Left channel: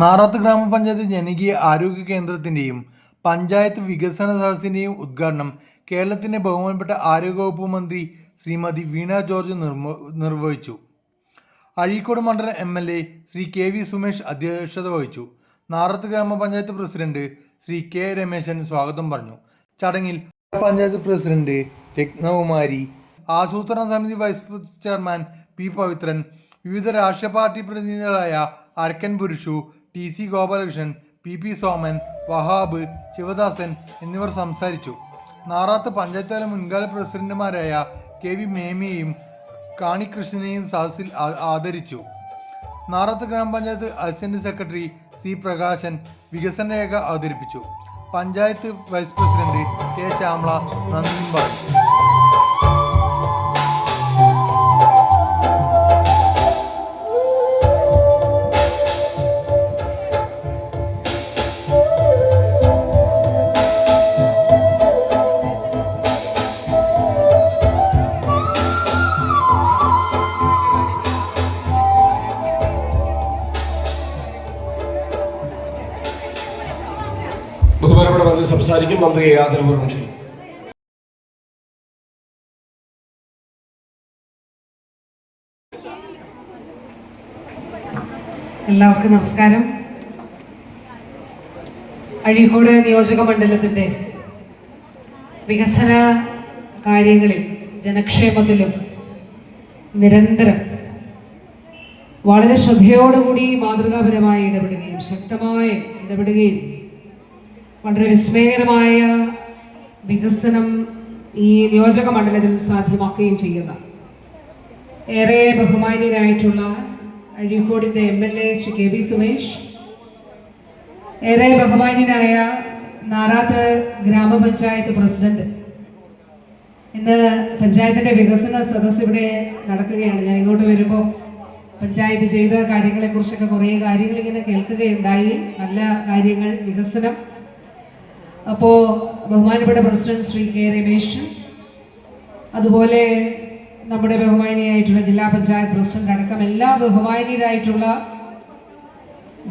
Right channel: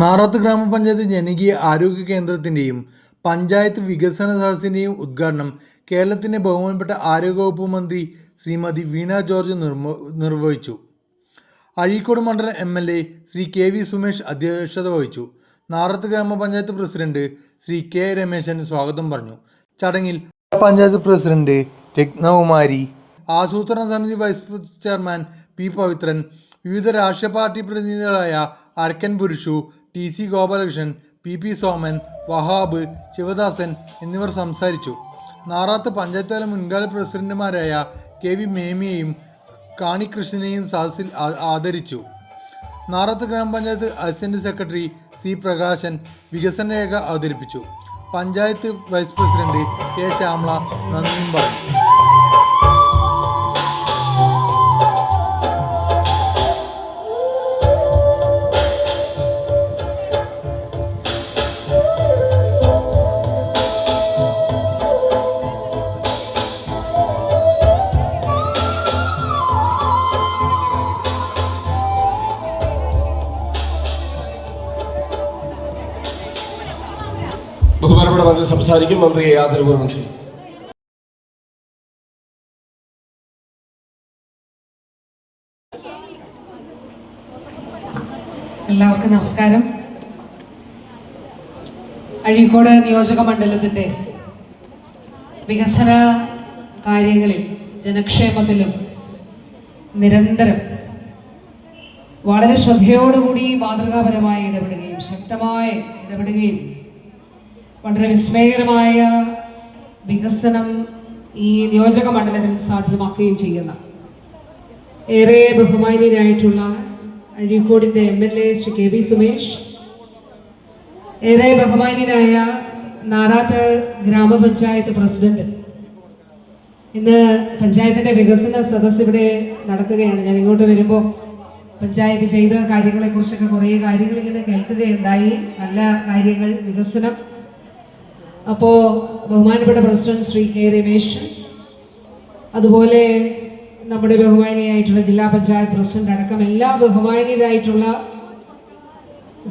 നാറാത്ത് ഗ്രാമപഞ്ചായത്ത് ജനകീയ ആരോഗ്യ കേന്ദ്രത്തിൻ്റെയും പഞ്ചായത്ത് വികസന സദസ്സിൻ്റെയും ഉദ്ഘാടനം കേരളത്തിൻ്റെ ബഹുമാനപ്പെട്ട ആരോഗ്യവകുപ്പ് മന്ത്രി ശ്രീമതി വീണ ജോർജ് നിർവഹിച്ചു. അഴീക്കോട് മണ്ഡലം MLA ശ്രീ KV സുമേഷ് അധ്യക്ഷത വഹിച്ചു. നാറാത്ത് ഗ്രാമപഞ്ചായത്ത് പ്രസിഡന്റ് ശ്രീ K രമേശൻ സ്വാഗതം പറഞ്ഞു. ചടങ്ങിൽ പഞ്ചായത്ത് പ്രസിഡന്റ് രത്നകുമാരി, ആസൂത്രണ സമിതി വൈസ് ചെയർമാൻ P പവിത്രൻ, വിവിധ രാഷ്ട്രീയ പാർട്ടി പ്രതിനിധികളായ അരക്കൻ പുരുഷു, TC ഗോപാലകൃഷ്ണൻ, PP സോമൻ, വഹാബ്, ശിവദാസൻ എന്നിവർ സംസാരിച്ചു. നാറാത്ത് പഞ്ചായത്ത് തല മുൻകാല പ്രസിഡന്റുമാരായ KV മേമിയെയും കാണികൃഷ്ണനെയും സദസ്സിൽ ആദരിച്ചു. നാറാത്ത് ഗ്രാമപഞ്ചായത്ത് അസിസ്റ്റന്റ് സെക്രട്ടറി C പ്രകാശൻ വികസന രേഖ അവതരിപ്പിച്ചു. Panchayat vice president K Shyamala നന്ദിയും പറഞ്ഞു. ബഹുമാനപ്പെട്ട മന്ത്രി സംസാരിക്കും. മന്ത്രിയെ ആദരപൂർവ്വം ക്ഷണിക്കും. എല്ലാവർക്കും നമസ്കാരം. അഴീക്കോട് നിയോജക മണ്ഡലത്തിൻ്റെ വികസന കാര്യങ്ങളിൽ ജനക്ഷേമത്തിലും നിരന്തരം വളരെ ശ്രദ്ധയോടുകൂടി മാതൃകാപരമായി ഇടപെടുകയും ശക്തമായി ഇടപെടുകയും വളരെ വിസ്മയകരമായ വികസനം ഈ നിയോജക മണ്ഡലത്തിൽ സാധ്യമാക്കുകയും ചെയ്യുന്ന ഏറെ ബഹുമാനീയനായിട്ടുള്ള അഴീക്കോടിൻ്റെ MLA ശ്രീ KV സുമേഷ്, ഏറെ ബഹുമാനീയനായ നാറാത്ത് ഗ്രാമപഞ്ചായത്ത് പ്രസിഡന്റ്, ഇന്ന് പഞ്ചായത്തിൻ്റെ വികസന സദസ്സ് ഇവിടെ നടക്കുകയാണ്. ഞാൻ ഇങ്ങോട്ട് വരുമ്പോൾ പഞ്ചായത്ത് ചെയ്ത കാര്യങ്ങളെക്കുറിച്ചൊക്കെ കുറേ കാര്യങ്ങൾ ഇങ്ങനെ കേൾക്കുകയുണ്ടായി. നല്ല കാര്യങ്ങൾ, വികസനം. അപ്പോൾ ബഹുമാനപ്പെട്ട പ്രസിഡന്റ് ശ്രീ K രമേശൻ, അതുപോലെ നമ്മുടെ ബഹുമാനിയായിട്ടുള്ള ജില്ലാ പഞ്ചായത്ത് പ്രസിഡന്റ് അടക്കം എല്ലാ ബഹുമാനീയരായിട്ടുള്ള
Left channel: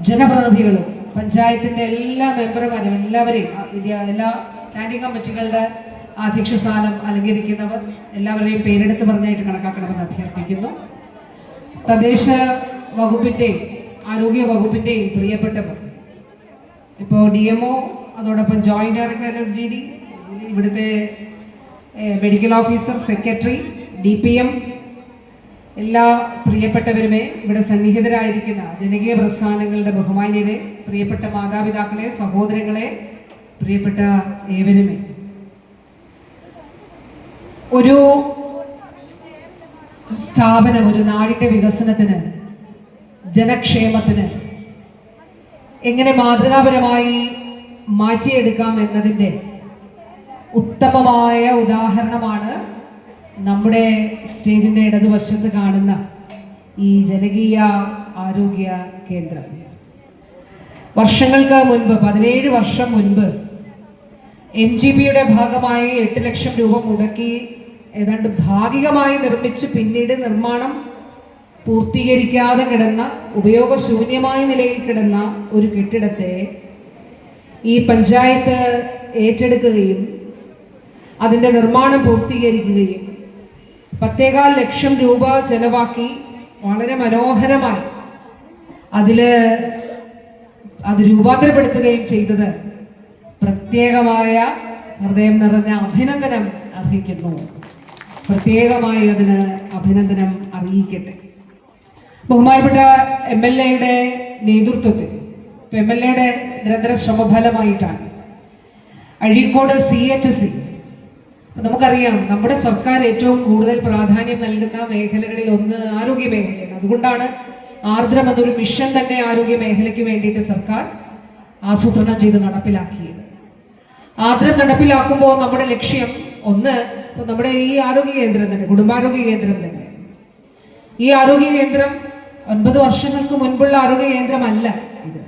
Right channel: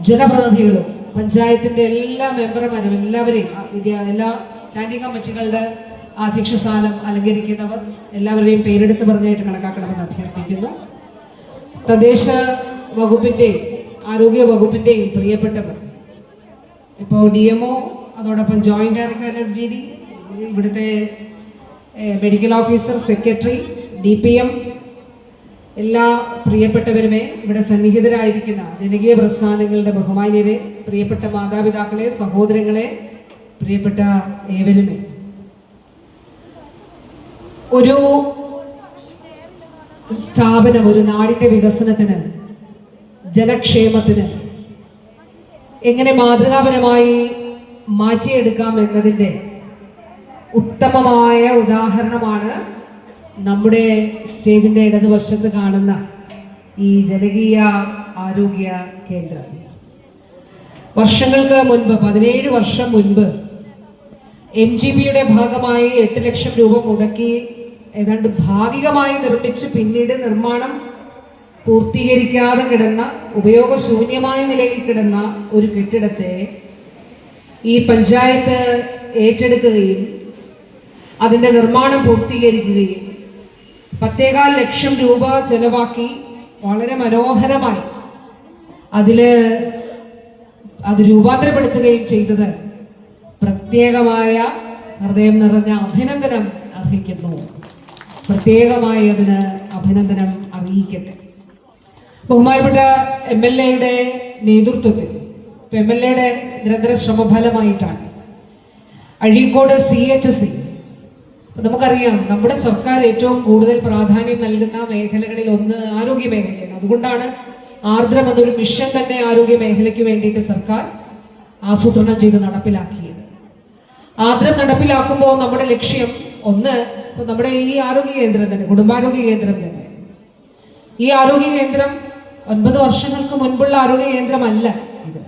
ജനപ്രതിനിധികളും പഞ്ചായത്തിൻ്റെ എല്ലാ മെമ്പർമാരും എല്ലാവരെയും, എല്ലാ സ്റ്റാൻഡിംഗ് കമ്മിറ്റികളുടെ അധ്യക്ഷ സ്ഥാനം അലങ്കരിക്കുന്നവർ എല്ലാവരെയും പേരെടുത്ത് പറഞ്ഞായിട്ട് കണക്കാക്കണമെന്ന് അഭ്യർത്ഥിക്കുന്നു. തദ്ദേശ വകുപ്പിൻ്റെയും ആരോഗ്യ വകുപ്പിൻ്റെയും പ്രിയപ്പെട്ടവർ, ഇപ്പോൾ DMO, അതോടൊപ്പം ജോയിന്റ് ഡയറക്ടർ LSDD, ഇവിടുത്തെ മെഡിക്കൽ ഓഫീസർ, സെക്രട്ടറി, DPM, എല്ലാ പ്രിയപ്പെട്ടവരുമേ, ഇവിടെ സന്നിഹിതരായിരിക്കുന്ന ജനകീയ പ്രസ്ഥാനങ്ങളുടെ ബഹുമാന്യരെ, പ്രിയപ്പെട്ട മാതാപിതാക്കളെ, സഹോദരങ്ങളെ, പ്രിയപ്പെട്ട ഏവരുമേ, ഒരു സ്ഥാപനം ഒരു നാടിൻ്റെ വികസനത്തിന്, ജനക്ഷേമത്തിന് എങ്ങനെ മാതൃകാപരമായി മാറ്റിയെടുക്കാം എന്നതിൻ്റെ ഉത്തമമായ ഉദാഹരണമാണ് നമ്മുടെ സ്റ്റേജിൻ്റെ ഇടതുവശത്ത് കാണുന്ന ഈ ജനകീയ ആരോഗ്യ കേന്ദ്രം. വർഷങ്ങൾക്ക് മുൻപ്, 17 വർഷം മുൻപ്, MGPയുടെ ഭാഗമായി 8 ലക്ഷം രൂപ മുടക്കി ഏതാണ്ട് ഭാഗികമായി നിർമ്മിച്ച് പിന്നീട് നിർമ്മാണം പൂർത്തീകരിക്കാതെ കിടന്ന, ഉപയോഗശൂന്യമായ നിലയിൽ കിടന്ന ഒരു കെട്ടിടത്തെ ഈ പഞ്ചായത്ത് ഏറ്റെടുക്കുകയും അതിൻ്റെ നിർമ്മാണം പൂർത്തീകരിക്കുകയും 10.25 ലക്ഷം രൂപ ചെലവാക്കി വളരെ മനോഹരമായി അത് രൂപാന്തരപ്പെടുത്തുകയും ചെയ്തത് പ്രത്യേകമായ ഹൃദയം നിറഞ്ഞ അഭിനന്ദനം അർഹിക്കുന്നു. പ്രത്യേകമായി അതിന് അഭിനന്ദനം അറിയിക്കട്ടെ. ബഹുമാനപ്പെട്ട MLAയുടെ നേതൃത്വത്തിൽ, MLAയുടെ നിരന്തര ശ്രമഫലമായിട്ടാണ് അഴീക്കോട് CHC, നമുക്കറിയാം നമ്മുടെ സർക്കാർ ഏറ്റവും കൂടുതൽ പ്രാധാന്യം നൽകുന്ന മേഖലകളിൽ ഒന്ന് ആരോഗ്യ മേഖലയാണ്. അതുകൊണ്ടാണ് ആർദ്രം എന്നൊരു മിഷൻ തന്നെ ആരോഗ്യ മേഖലയ്ക്ക് വേണ്ടിയിട്ട് സർക്കാർ ആസൂത്രണം ചെയ്ത് നടപ്പിലാക്കിയത്. ആർദ്രം നടപ്പിലാക്കുമ്പോൾ നമ്മുടെ ലക്ഷ്യം ഒന്ന്, നമ്മുടെ ഈ ആരോഗ്യ കേന്ദ്രം തന്നെ, കുടുംബാരോഗ്യ കേന്ദ്രം തന്നെ, ഈ ആരോഗ്യ കേന്ദ്രം 9 വർഷങ്ങൾക്ക് മുൻപുള്ള ആരോഗ്യ കേന്ദ്രമല്ല ഇത്.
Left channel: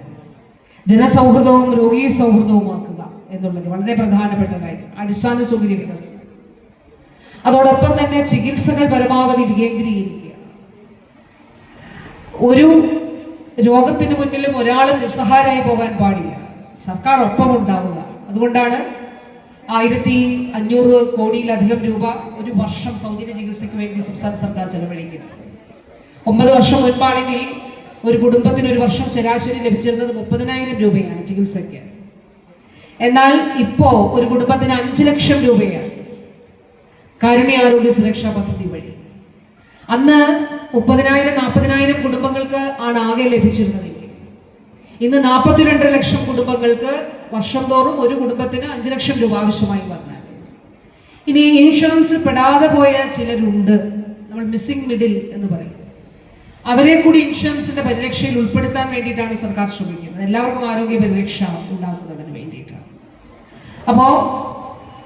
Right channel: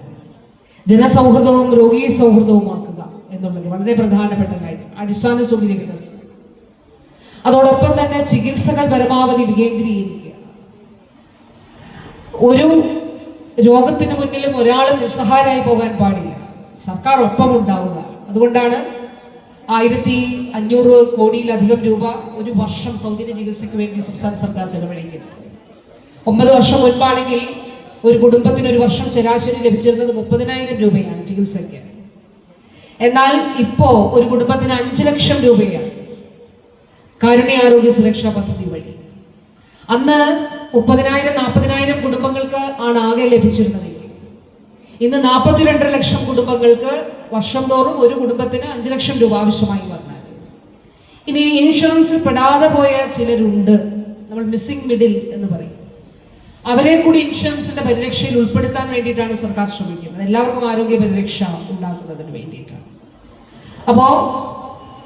ജനസൗഹൃദവും രോഗീ സൗഹൃദവുമാക്കുക എന്നുള്ളത് വളരെ പ്രധാനപ്പെട്ട കാര്യം. അടിസ്ഥാന സൗകര്യ വികസനം, അതോടൊപ്പം തന്നെ ചികിത്സകൾ പരമാവധി വികേന്ദ്രീകരിക്കുക. ഒരു രോഗത്തിന് മുന്നിലും ഒരാളും നിസ്സഹായരായി പോകാൻ പാടില്ല. സർക്കാർ ഒപ്പം ഉണ്ടാവുക. അതുകൊണ്ടാണ് 1500 കോടിയിലധികം രൂപ ഒരു വർഷം സൗജന്യ ചികിത്സയ്ക്ക് വേണ്ടി സംസ്ഥാന സർക്കാർ ചെലവഴിക്കുന്നത്. 9 വർഷം മുൻപാണെങ്കിൽ ഒരു കുടുംബത്തിന് ഒരു വർഷം ശരാശരി ലഭിച്ചിരുന്നത് 30,000 രൂപയാണ് ചികിത്സയ്ക്ക്. എന്നാൽ ഇപ്പോ ഒരു കുടുംബത്തിന് 5 ലക്ഷം രൂപയാണ് കാരുണ്യ ആരോഗ്യ സുരക്ഷാ പദ്ധതി വഴി. അന്ന് 30,000 40,000 കുടുംബങ്ങൾക്ക് ആണ് ആകെ ലഭിച്ചിരുന്നത്. ഇന്ന് 42 ലക്ഷം കുടുംബങ്ങൾക്ക് വർഷം തോറും ഒരു കുടുംബത്തിന് 5 ലക്ഷം രൂപ ആവശ്യമായി വന്നാൽ, ഇനി ഇൻഷുറൻസ് പെടാതെ പോയ ചിലരുണ്ട്, നമ്മൾ മിസ്സിംഗ് മിഡിൽ എന്ന് പറയും. അവരെ കൂടി ഇൻഷുറൻസിന്റെ പരിരക്ഷയിൽ ഉൾപ്പെടുത്താൻ വേണ്ടിയിട്ടാണ് സർക്കാർ ശ്രമിക്കുന്നത്. എല്ലാവർക്കും ആരോഗ്യ പരിരക്ഷ ഉണ്ടാക്കുന്നതിന് വേണ്ടിയിട്ടാണ്. അപ്പോ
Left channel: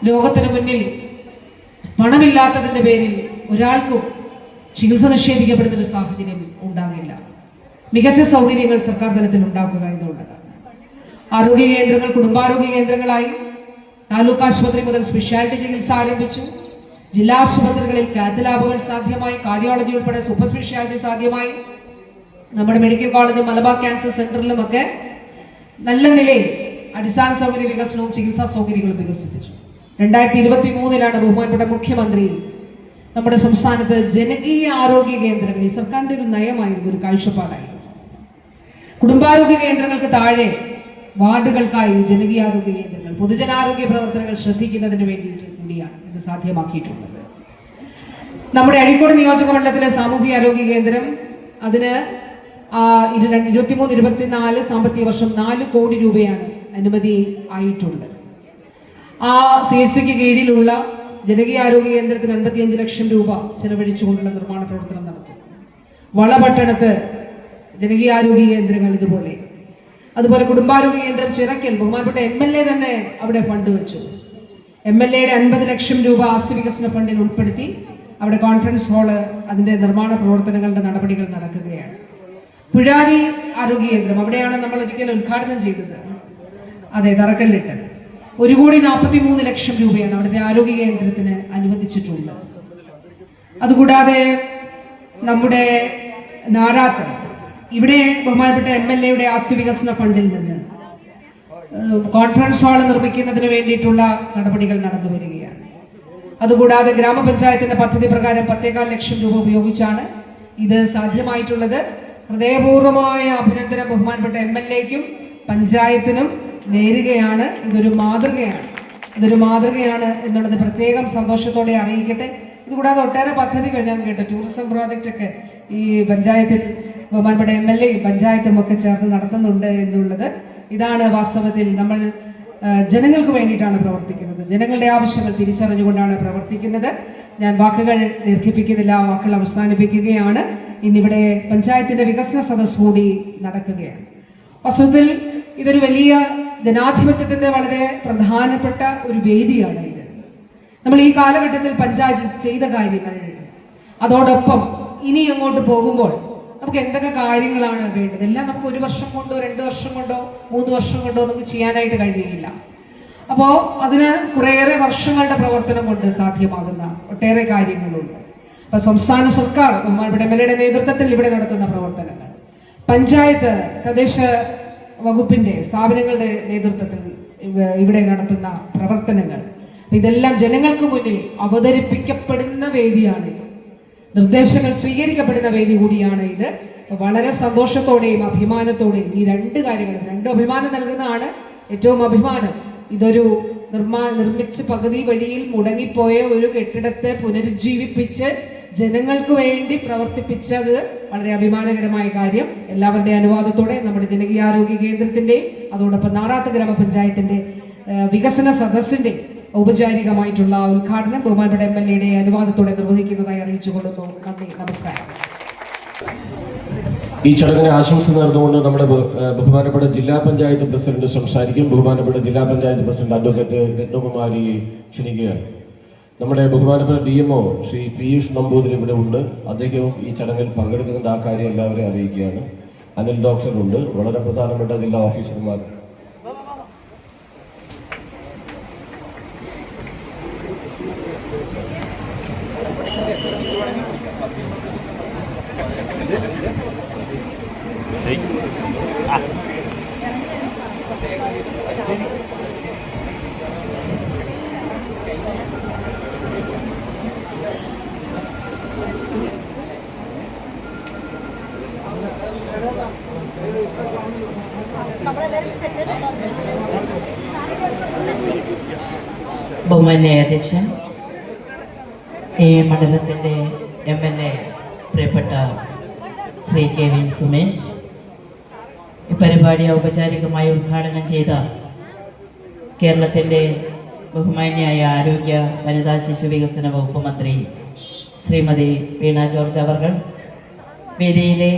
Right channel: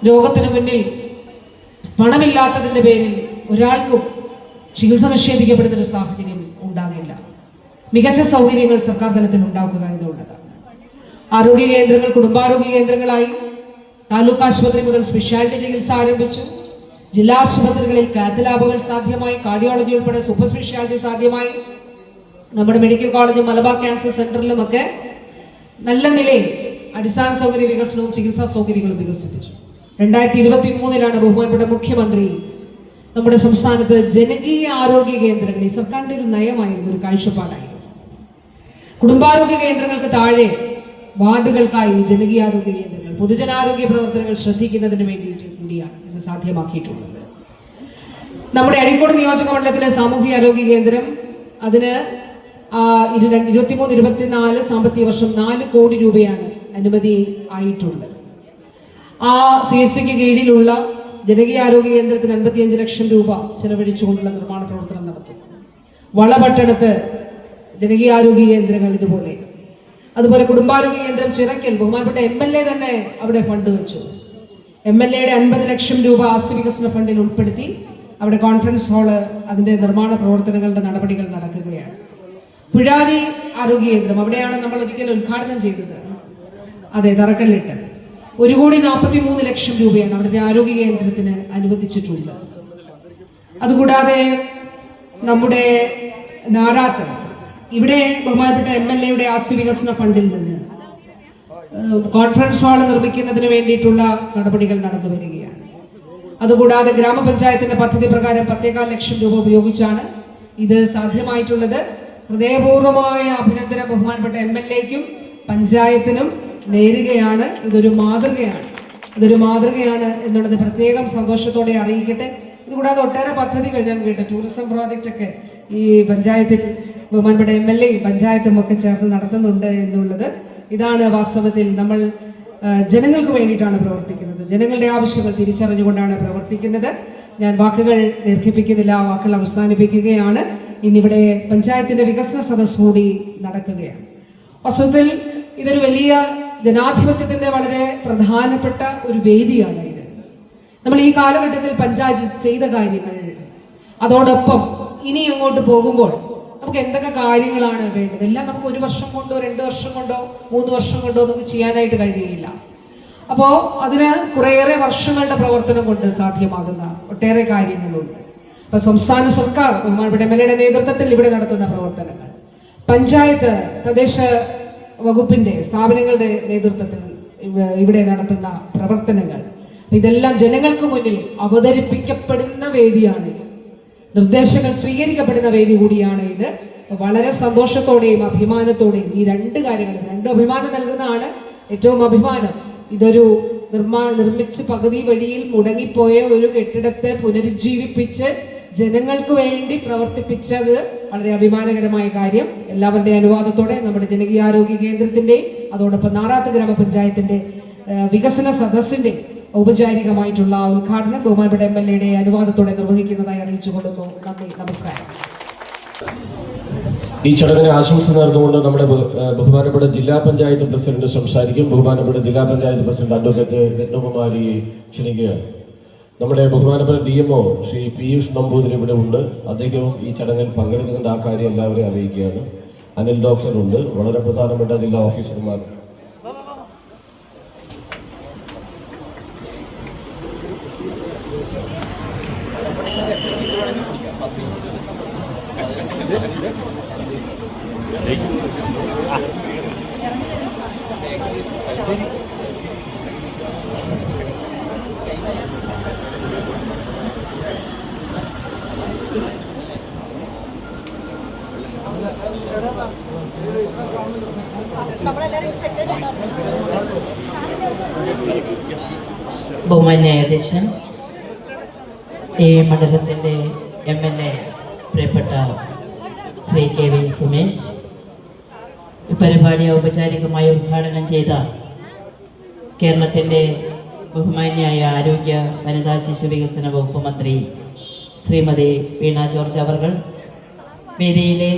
രോഗത്തിന് മുന്നിൽ പണമില്ലാത്തതിന്റെ പേരിൽ ഒരാൾക്കും ചികിത്സ നിഷേധിക്കപ്പെടുന്ന ഒരു സാഹചര്യം ഉണ്ടാകില്ല. മികച്ച സൗകര്യങ്ങൾ സർക്കാർ തലത്തിൽ ഉണ്ടാക്കുക എന്നുള്ളതാണ്. ആരോഗ്യ കേന്ദ്രങ്ങൾ കുടുംബാരോഗ്യ കേന്ദ്രങ്ങളായി, താലൂക്ക് ആശുപത്രി മുതൽ സ്പെഷ്യാലിറ്റി ചികിത്സ ആരംഭിച്ചു. ജില്ലാ ആശുപത്രികളിൽ കാത്ത് ലാബുകൾ സാധ്യമായി, കാർഡിയോളജി ഉൾപ്പെടെ സൂപ്പർ സ്പെഷ്യാലിറ്റി സാധ്യമായി. നമ്മുടെ മെഡിക്കൽ കോളേജ് മലബാർ ക്യാൻസർ സെന്ററിലുമൊക്കെ നല്ല നിലയിൽ അടിസ്ഥാന സൗകര്യ വികസനവും ചികിത്സാ സൗകര്യങ്ങളും വികസിപ്പിച്ചു. 2023 ബഹുമാനപ്പെട്ട മുഖ്യമന്ത്രി നമ്മുടെ സംസ്ഥാനത്ത് ജനകീയ ആരോഗ്യ കേന്ദ്രങ്ങൾ, ഈ സർക്കാരിന്റെ ഒരു നയമായിരുന്നു, ഒരു കാഴ്ചപ്പാടായിരുന്നു. കുടുംബാരോഗ്യ കേന്ദ്രങ്ങൾക്ക് താഴെ വാർഡുകൾക്കായി ജനകീയ ആരോഗ്യ കേന്ദ്രങ്ങൾ, പൊതുജനാരോഗ്യ പ്രവർത്തനങ്ങൾ ശ്രദ്ധിക്കുന്നതിന് വേണ്ടിയിട്ട് കൂടിയാണ് ഇത് സാധ്യമാക്കിയിട്ടുള്ളത്. നമ്മുടെ അരീക്കോട് നിയോജക മണ്ഡലത്തിലെ സാമൂഹിക ആരോഗ്യ കേന്ദ്രം, അതിന് 23-24 സാമ്പത്തിക വർഷം 4 കോടി രൂപയാണ് അനുമതി ആയിട്ടുള്ളത്. ആ CHCക്ക് കീഴിലുള്ള ജനകീയ ആരോഗ്യ കേന്ദ്രത്തിന് 55 ലക്ഷം രൂപ ചെലവഴിച്ചുകൊണ്ടുള്ള നിർമ്മാണ പ്രവർത്തനം നടത്തുന്നു. വളപട്ടണത്ത് ജനകീയ ആരോഗ്യ കേന്ദ്രങ്ങൾ ഇതുപോലെ. അതുപോലെ കുടുംബാരോഗ്യ കേന്ദ്രം ചിറക്കൽ ബഹുമാനപ്പെട്ട MLA തന്നെ അവിടെ ഫണ്ട് വെച്ചു. MLAയുടെ 50 ലക്ഷം രൂപ ആസ്തി വികസന ഫണ്ടിൽ ഉൾപ്പെടുത്തി അവിടെ കോൺഫറൻസ് ഹാള്, അതിന്റെ നിർമ്മാണ പ്രവർത്തനങ്ങളുടെ നടപടികൾ നടക്കുകയാണ്. പുഴാരി ആരോഗ്യ കേന്ദ്രം, അവിടെയാണ് നമ്മൾ ഒരിക്കലും ഉദ്ഘാടനം ചെയ്തത്. അതെ, തറക്കല്ലിട്ട് 1,43 ലക്ഷം രൂപയാണ് അവിടുത്തെ ആരോഗ്യ കേന്ദ്രത്തിന് അനുവദിച്ചിട്ടുള്ളത്. അതുകൂടാതെ നമ്മുടെ നാറാത്ത്, ഇവിടെ ബഹുമാനപ്പെട്ട MLAയുടെ ആസ്തി വികസന ഫണ്ടിൽ നിന്ന് കോൺഫറൻസ് ഹാൾ നിർമ്മിക്കുന്നതിന് വേണ്ടിയിട്ടുള്ള നടപടികൾ നടന്നു വരികയാണ്. അതുകൂടാതെ ഗ്രാമപഞ്ചായത്തിന്റെ പദ്ധതി പ്രകാരം 10,15 ലക്ഷം രൂപ ഉപയോഗിച്ചാണ് ഇത് സാധ്യമായിട്ടുള്ളത്. ഹൃദയപൂർവമായ അഭിനന്ദനം ബഹുമാനപ്പെട്ട MLAയ്ക്കും പഞ്ചായത്തിനും നേരുകയാണ്. ഇതൊരു മാതൃകയാണ് എന്നുള്ളത് പ്രത്യേകം സന്തോഷത്തോടെ അറിയിക്കട്ടെ. ഇതുകൂടാതെ ഒട്ടേറെ പദ്ധതികൾ ഞാൻ കേട്ടു. ടൂറിസം പ്രോജക്റ്റ് ഒക്കെ ഈ പഞ്ചായത്തിൽ ബഹുമാനപ്പെട്ട MLA പഞ്ചായത്തും ഒക്കെ ചേർന്ന് നടത്തുന്നുണ്ട് എന്നുള്ളത്. ഇതാണ് വാസ്തവത്തിൽ നമ്മൾ ജനങ്ങൾക്ക് വേണ്ടിയിട്ടാണ് പ്രവർത്തിക്കുന്നത്. ജനങ്ങളുടെ ആവശ്യങ്ങൾ തിരിച്ചറിഞ്ഞുകൊണ്ടാണ് പ്രവർത്തിക്കുന്നത്. ഞാൻ വാക്കുകൾ ദീർഘിപ്പിക്കുന്നില്ല, വാക്കുകൾ അവസാനിപ്പിക്കുകയാണ്. ഇന്നിവിടെ പഞ്ചായത്തിന്റെ വികസന സദസ് കൂടി നടക്കുകയാണ്. വാസ്തവത്തിൽ ഇതൊരു വലിയ ജനാധിപത്യത്തിന്റെ വളരെ പ്രധാനപ്പെട്ട ഒരു വേദിയാണ് ഇത്. നമ്മൾ ഈ കാലഘട്ടത്തിൽ പഞ്ചായത്ത് ചെയ്ത കാര്യങ്ങൾ, അതോടൊപ്പം ഇനി അങ്ങോട്ട് പോകുമ്പോൾ നമുക്ക് എന്തൊക്കെ കാര്യങ്ങളാണ് വേണ്ടത്, എല്ലാം നമുക്ക് 1 വർഷം കൊണ്ടോ 2 വർഷം കൊണ്ടോ 3 വർഷം കൊണ്ടോ നമുക്ക് ചെയ്യാനായിട്ട് കഴിയുകയില്ല. അപ്പോൾ അതിന് കുറേയേറെ വർഷങ്ങളുടെ പ്രവർത്തനം കൊണ്ട് സാധ്യമാകുന്ന ഒട്ടേറെ കാര്യങ്ങളുണ്ട്. അപ്പൊ സംസ്ഥാന സർക്കാർ ബഹുമാനപ്പെട്ട MLAയുടെ നേതൃത്വത്തിൽ ഇവിടെ നടത്തുന്ന പ്രവർത്തനങ്ങൾ, പഞ്ചായത്ത് തദ്ദേശ വകുപ്പിന്റെ സ്ഥാപനങ്ങളുടെ നേതൃത്വത്തിൽ ഇവിടെ നടത്തുന്ന പ്രവർത്തനങ്ങൾ, ഇതെല്ലാം ജനങ്ങൾക്ക് മുന്നിൽ അവതരിപ്പിക്കപ്പെടുന്ന വേദിയാണ്. നിർദ്ദേശങ്ങൾ സ്വീകരിക്കപ്പെടുന്ന വേദി കൂടിയാണ് ഇത്. വളരെ സന്തോഷത്തോടെയും അഭിമാനത്തോടെയും ഈ 2 കാര്യങ്ങൾ, 2 അഭിമാനം നൽകുന്നതാണ് ഏറ്റവും അഭിമാനം. ഇതൊരു നിർമ്മിച്ച് പകുതി വഴിയിൽ മുടങ്ങിപ്പോയ ഒരു കെട്ടിടത്തെ പുനരുജ്ജീവിപ്പിച്ച് ജനങ്ങൾക്ക് വേണ്ടി പ്രവർത്തിപ്പിച്ചത് വളരെ അഭിമാനകരമായ കാര്യം. എല്ലാവരുടെ അനുവാദത്തോടെ നമ്മുടെ ജനകീയ ആരോഗ്യ കേന്ദ്രത്തിന്റെയും അതോടൊപ്പം നാറാത്ത് ഗ്രാമപഞ്ചായത്തിന്റെ വികസന സദസ്സിന്റെ ഔപചാരികമായിട്ടുള്ള ഉദ്ഘാടനം ബഹുമാനപ്പെട്ട MLAയുടെ അനുവാദത്തോടെ നിർവഹിക്കുന്നതായി അറിയിച്ചു കൊടുക്കുന്നു. നന്ദി, നമസ്കാരം. ഈ ചടങ്ങിന് ആശംസ നേർന്നുകൊണ്ട് നമ്മുടെ ബഹുമാനപ്പെട്ട ജില്ലാ പഞ്ചായത്ത് പ്രസിഡന്റ് സംസാരിക്കും. ബഹുമാനപ്പെട്ട ജില്ലാ പഞ്ചായത്ത് പ്രസിഡന്റ് അഡ്വക്കേറ്റ് രത്നകുമാരിയെ ക്ഷണിക്കുകയാണ്. നമ്മുടെ ബഹുമാനപ്പെട്ട DMO ശ്രീ പീയൂഷ് നമ്പൂതിരി ഇവിടെ ഉണ്ട്. അദ്ദേഹവും ഈ ചടങ്ങിൽ പങ്കെടുക്കുന്നുണ്ട്. ആ കാര്യം എല്ലാവരെയും അറിയിക്കുകയാണ്. അനിൽ ഡോക്ടർ ഉണ്ട്. വളരെ പ്രധാനപ്പെട്ട ജില്ലാ ഓഫീസർമാർ ബഹുമാന്യായ അധ്യക്ഷൻ, ഈ മണ്ഡലത്തിൻ്റെ MLA പ്രിയപ്പെട്ട ശ്രീ KV സുമേഷ്, ഈ പരിപാടി ഔപചാരികമായി ഉദ്ഘാടനം ചെയ്ത കേരളത്തിൻ്റെ ബഹുമാന്യായ ആരോഗ്യ വനിതാ ശിശു വികസന വകുപ്പ് മന്ത്രി ശ്രീമതി വീണ ജോർജ് അവർ, വേദിയിലെ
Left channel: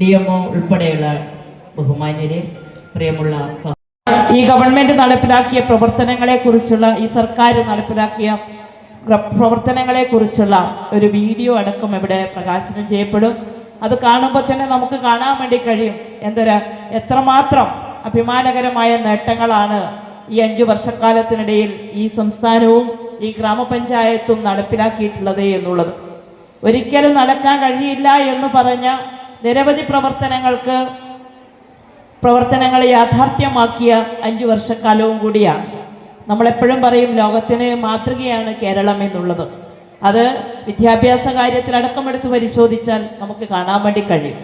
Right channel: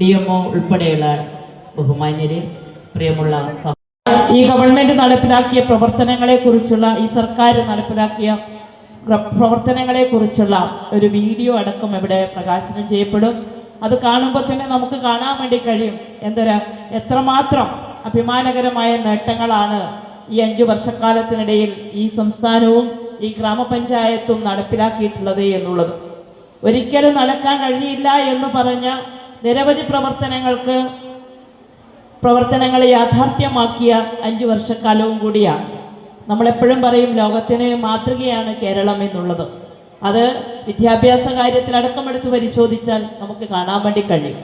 DMO ഉൾപ്പെടെയുള്ള ബഹുമാന്യരെ, പ്രിയമുള്ള ഈ ഗവൺമെന്റ് നടപ്പിലാക്കിയ പ്രവർത്തനങ്ങളെക്കുറിച്ചുള്ള, ഈ സർക്കാർ നടപ്പിലാക്കിയ പ്രവർത്തനങ്ങളെക്കുറിച്ചുള്ള ഒരു വീഡിയോ അടക്കം ഇവിടെ പ്രകാശനം ചെയ്യപ്പെടും. അത് കാണുമ്പോൾ തന്നെ നമുക്ക് കാണാൻ വേണ്ടി കഴിയും എത്രമാത്രം അഭിമാനകരമായ നേട്ടങ്ങളാണ് ഈ 5 വർഷക്കാലത്തിനിടയിൽ ഈ സംസ്ഥാനവും ഈ ഗ്രാമപഞ്ചായത്തും നടപ്പിലാക്കിയിട്ടുള്ളത് എന്നുള്ളത്. ഒരിക്കലും നടക്കാൻ കഴിയില്ല എന്ന് പറഞ്ഞ നിരവധി പ്രവർത്തനങ്ങളെ യാഥാർത്ഥ്യമാക്കിയ 5 വർഷക്കാലവും കൂടിയാണ്. നമ്മളെപ്പോഴും പറയും ലോകത്തിന് മാതൃകയാണ് കേരളം എന്നുള്ളത്. അത് വിദ്യാഭ്യാസ കാര്യത്തിലടക്കം എടുത്ത് പരിശോധിച്ചാൽ നമുക്ക് കാണാൻ വേണ്ടി കഴിയും.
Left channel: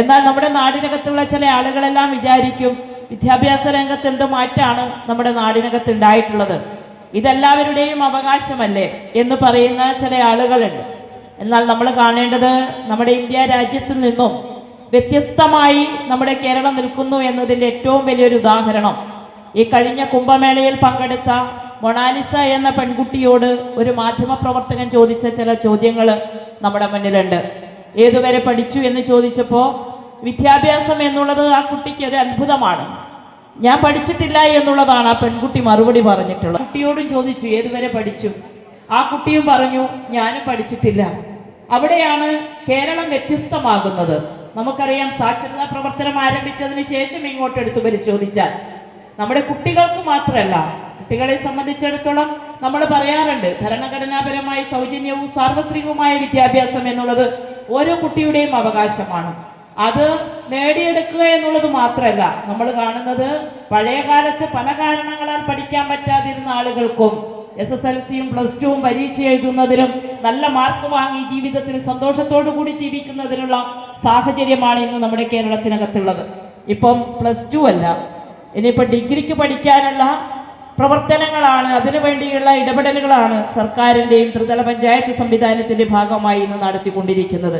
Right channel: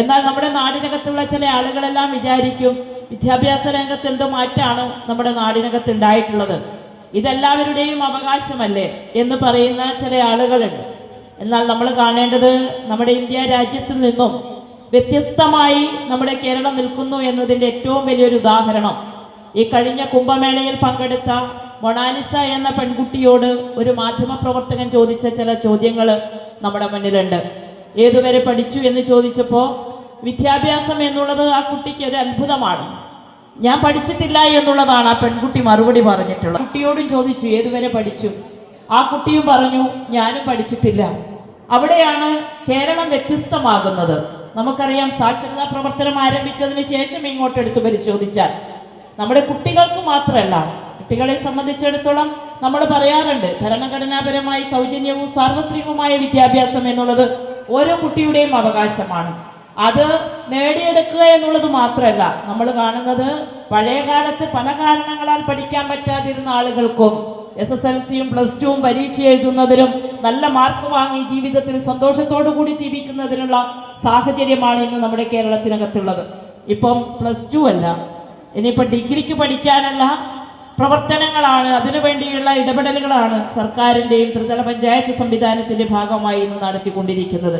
എന്നാൽ നമ്മുടെ നാടിനകത്തുള്ള ചില ആളുകളെല്ലാം വിചാരിക്കും വിദ്യാഭ്യാസ രംഗത്ത് എന്ത് മാറ്റാണ് നമ്മുടെ നാടിനകത്ത് ഉണ്ടായിട്ടുള്ളത്, ഇതെല്ലാവരുടെയും അവകാശമല്ലേ എന്ന് പറയുന്ന ചില ആളുകളുണ്ട്. എന്നാൽ നമ്മൾ കാണേണ്ടത് നമ്മുടെ ഇന്ത്യ രാജ്യത്തിൽ നിന്നും വ്യത്യസ്തമായി നമ്മുടെ കേരളം നിൽക്കുന്നു എന്നതിൻ്റെ ഏറ്റവും വലിയൊരു ഉദാഹരണം ഈ കഴിഞ്ഞ കുംഭമേളയിൽ പങ്കെടുത്ത മൊണാലിസ എന്ന പെൺകുട്ടിയോട് ഒരു മാധ്യമപ്രവർത്തകൻ ചോദിച്ച ചില ചോദ്യങ്ങൾ നമ്മുടെ മുന്നിലുണ്ട്. ഏതുവരെ പഠിച്ചു എന്ന് ചോദിച്ചപ്പോൾ വിദ്യാഭ്യാസം എന്നുള്ളത് ആ കുട്ടിക്ക് ഒരു അത്ഭുതമാണ്, ഞാൻ പഠിച്ചിട്ടില്ല എന്നുള്ളതാണ് ആ പെൺകുട്ടി മറുപടി പറഞ്ഞിട്ടുള്ളത്. കുട്ടിയോടും ചോദിച്ചു ഏതുവരെ പഠിച്ചു, ആ കുട്ടിയും പറഞ്ഞു ഞാനും പഠിച്ചിട്ടില്ല. അവിടെയാണ് കേരളം വ്യത്യസ്തമാകുന്നത്. നമുക്കറിയാം സാക്ഷരതാ പ്രവർത്തനം ആരംഭിച്ചതിന് ശേഷം ഇങ്ങോട്ട് എടുത്തു പരിശോധിച്ചാൽ നമ്മുടെ കുട്ടികൾക്ക് മാത്രമല്ല, കുട്ടികളെ സംബന്ധിച്ചിടത്തോളം നമ്മൾ പറയാറുണ്ട് ഭരണഘടനാപരമായി സൗജന്യവും സാർവത്രികവുമായ വിദ്യാഭ്യാസം എന്നുള്ളത് ഓരോ കുട്ടിയുടെയും അവകാശമാണ്. അത് നേടിയെടുക്കുക എന്നുള്ളത് മാത്രമല്ല, നമ്മൾ കാണുന്നത് പഴയ കാലത്ത് പല കാരണങ്ങളാൽ പഠിക്കാൻ പറ്റാതിരുന്ന ആളുകൾക്കും SSLCയും +2വും പരീക്ഷ എഴുതുന്നതിനും നല്ല മാർക്ക് വാങ്ങി ജീവിതത്തിൽ സന്തോഷത്തോടു കൂടി ജീവിക്കുന്നതിനുള്ള സാഹചര്യമാണ് ഇന്ന് നമ്മുടെ കേരളത്തിനകത്തുള്ളത്. ഇപ്പം +2 അല്ല, ഇനിയിപ്പോൾ ഡിഗ്രിക്ക് പഠിക്കാനുള്ള പ്രവർത്തനങ്ങളാണ്, അതിനു വേണ്ടിയുള്ള ഇടപെടലുകളാണ് സർക്കാരിൻ്റെയും ത്രിതല പഞ്ചായത്ത് സംവിധാനത്തിൻ്റെ ഭാഗമായി ഇന്ന് നടത്തിക്കൊണ്ടിരിക്കുന്നത്.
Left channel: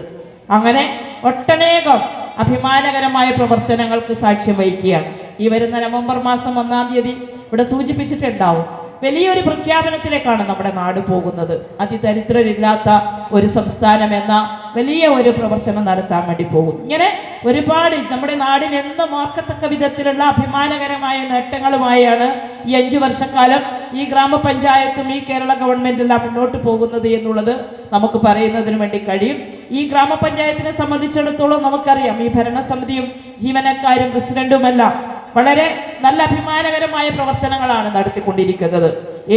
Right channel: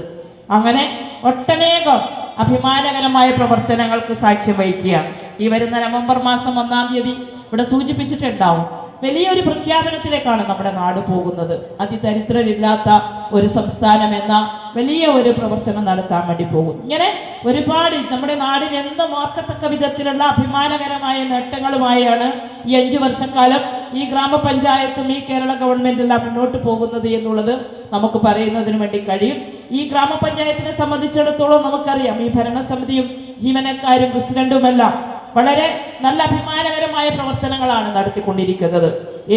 അങ്ങനെ ഒട്ടനേകം അഭിമാനകരമായ പ്രവർത്തനങ്ങൾക്ക് സാക്ഷ്യം വഹിക്കുകയാണ്. ഈ വരുന്ന നവംബർ മാസം 1-ാം തീയതി ഇവിടെ സൂചിപ്പിച്ചിട്ടുണ്ടാവും, വലിയൊരു പ്രഖ്യാപനത്തിലേക്കാണ് നമ്മുടെ നാട് പോകുന്നത്. അതിദരിദ്രരില്ലാത്ത ഒരു സംസ്ഥാനം എന്ന വലിയ ഒരു പ്രവർത്തനം നടത്താൻ വേണ്ടി പോകും. ഇങ്ങനെ ഒരുപാട് നമ്മുടെ നാടിന് എന്ന് ഓർക്കത്തക്ക വിധത്തിലുള്ള അഭിമാനകരമായ നേട്ടങ്ങളുമായാണ് ഈ 5 വർഷക്കാലം ഈ ഗ്രാമപഞ്ചായത്തും ഈ കേരള ഗവൺമെന്റെല്ലാം മുന്നോട്ട് പോകുന്നത് എന്നുള്ളത് നമുക്ക് പറയുന്നതിന് വേണ്ടി കഴിയും. ഈ ഗ്രാമപഞ്ചായത്തിനെ സംബന്ധിച്ചിടത്തോളം നമുക്കറിയാം ഈ ഭരണസമിതിയും ജീവനക്കാരും പ്രസിഡന്റുമെല്ലാം വളരെ നല്ല അഭിമാനകരമായ പ്രവർത്തനങ്ങളാണ് നടത്തിക്കൊണ്ടിരിക്കുന്നത്.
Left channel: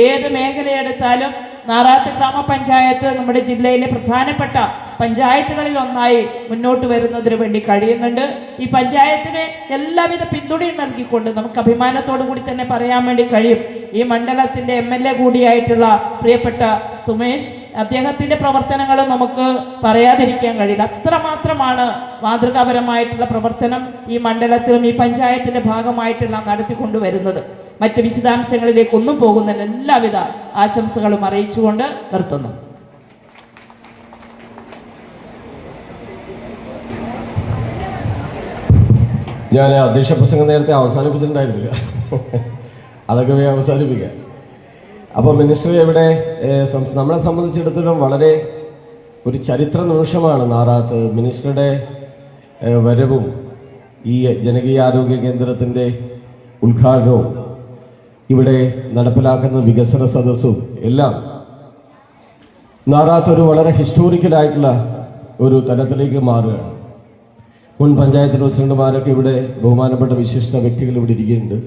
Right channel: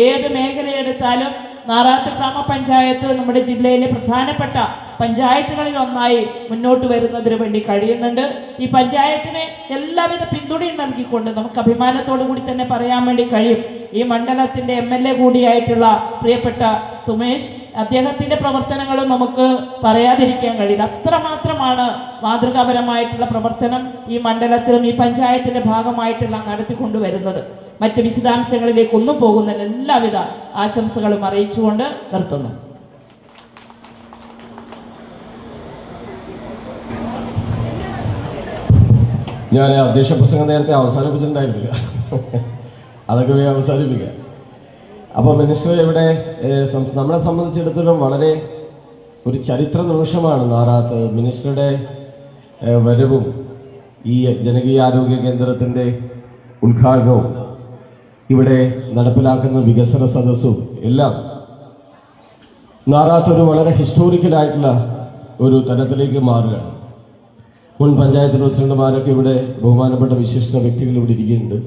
ഏത് മേഖലയെടുത്താലും നാറാത്ത് ഗ്രാമപഞ്ചായത്ത് നമ്മുടെ ജില്ലയിലെ പ്രധാനപ്പെട്ട പഞ്ചായത്തുകളിൽ ഒന്നായി മുന്നോട്ട് വരുന്നതിന് വേണ്ടി കഴിയുന്നുണ്ട്. ഈ പഞ്ചായത്തിന് എല്ലാവിധ പിന്തുണയും നൽകിക്കൊണ്ട് നമുക്ക് അഭിമാനത്തോടു കൂടി തന്നെ പറയാൻ വേണ്ടി കഴിയും, ഈ മണ്ഡലത്തിന്റെ MLA കൂടിയായിട്ടുള്ള പ്രിയപ്പെട്ട സുമേഷ്, അദ്ദേഹത്തിന്റെ പ്രവർത്തനങ്ങളും നമുക്ക് പറയാതിരിക്കാൻ കഴിയില്ല. അത്രമാത്രമാണ് മാതൃകാപരമായിട്ടുള്ള പ്രവർത്തനം ഈ മണ്ഡലത്തിലും ഈ പഞ്ചായത്തിന്റെ ഭാഗമായിട്ടെല്ലാം നടത്തിക്കൊണ്ടുവരുന്നത്. മറ്റ് വിശദാംശങ്ങളിലേക്കൊന്നും പോകുന്നില്ല. എല്ലാവിധ ആശംസകളും അറിയിച്ചുകൊണ്ട് നിർത്തുന്നു. ഞാൻ അധ്യക്ഷ പ്രസംഗം നേരത്തെ അവസാനിപ്പിച്ചിട്ടുണ്ടായിരുന്നില്ല, അതൊക്കെ അവസാനിപ്പിക്കാം. അപ്പോൾ മിനിസ്റ്റർ ഇവിടെ നമ്മളെ സംബന്ധിച്ചിടത്തോളം വളരെ ഒരു ചരിത്ര നിമിഷമാണ് നാറാത്ത്. മിനിസ്റ്ററുടെ വരവും ഈ ജനകീയ ആരോഗ്യ കേന്ദ്രത്തിൻ്റെ ഉദ്ഘാടനവും ഇവിടെ നടപ്പിലാക്കുന്ന വികസന സദസ്സും എല്ലാം നാറാത്ത് ഒരു വളരെ ഹിസ്റ്റോറിക്കലായിട്ടുള്ള ഒരു തലത്തിലേക്ക് മാറുകയാണ്. മുൻ പഞ്ചായത്ത് പ്രസിഡന്റുമാരൊക്കെ ഇവിടെ ബഹുമാനപ്പെട്ട വിശിഷ്ട വ്യക്തികൾ ഇവിടെ ഇരിക്കുന്നുണ്ട്.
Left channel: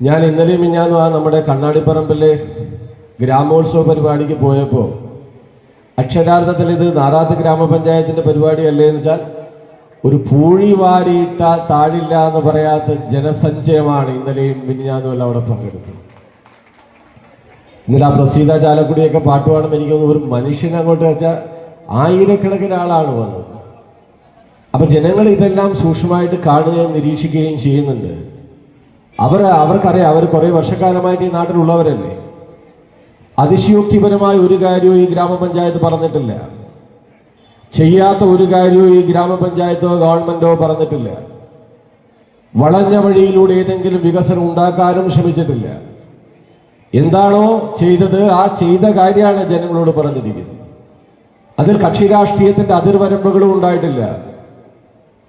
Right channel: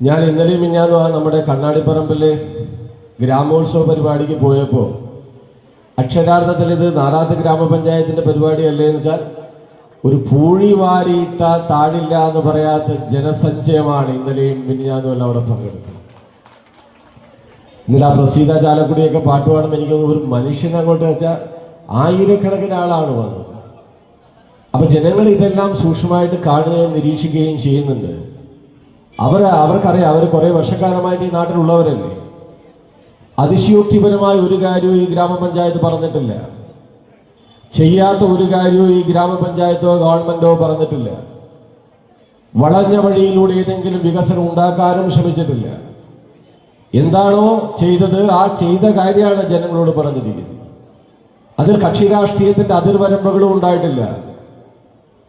ഞാൻ ഇന്നലെയും മിഞ്ഞാന്നും നമ്മുടെ കണ്ണാടിപ്പറമ്പിലെ ഗ്രാമോത്സവ പരിപാടിക്ക് പോയപ്പോൾ അക്ഷരാർത്ഥത്തിൽ ഇത് നാറാത്ത് ഗ്രാമപഞ്ചായത്തിന്റെ പരിപാടിയല്ലേ എന്ന് വെച്ചാൽ ഒരു പൂഴി വാരിയിട്ടാൽ താഴില്ല എന്ന് പറയാത്ത ജനസഞ്ചയമാണ് ഇന്നലെയും മിനിഞ്ഞാന്നും എല്ലാം അവിടെ പങ്കെടുത്തത്. ഇന്നലെ ആ പ്രസീത ചാലക്കുടിയൊക്കെ പാട്ട് പാടുമ്പോൾ എനിക്കൊന്ന് ഒരു മനുഷ്യനെ അങ്ങോട്ട് വെച്ചാൽ ആയിരക്കണക്കിന് ആളാണ് വന്നത്. അപ്പൊ ജനങ്ങൾ ഇതെല്ലാം സൂക്ഷ്മമായിട്ട് കാണുകയും നിരീക്ഷിക്കുകയും ചെയ്യുന്നുണ്ട്. അവർക്കറിയാം, അവർ കുറെ വർഷക്കാലമായിട്ട് ഈ നാട്ടിലുള്ളവരല്ലേ. അതിശയോക്തിപരമായ ഒരു കാര്യവും ഈ ഗ്രാമപഞ്ചായത്ത് പറഞ്ഞിട്ടില്ല. ചെയ്യാത്ത ഒരു കാര്യവും ഈ ഗ്രാമപഞ്ചായത്തോ ഗവൺമെന്റോ പറഞ്ഞിട്ടില്ല. വളഞ്ഞ വഴിയിലൂടെ ഏതെങ്കിലും വികസനം ഉണ്ടാക്കാനും ശ്രമിച്ചിട്ടില്ല. എന്താണോ ചെയ്തത് ആ ചെയ്ത കാര്യമാണ് ജനങ്ങളോട് പറഞ്ഞിരിക്കുന്നത്. അതിൽ കക്ഷി രാഷ്ട്രീയത്തിന്റെ അതിർവരമ്പുകളും ഉണ്ടായിട്ടില്ല.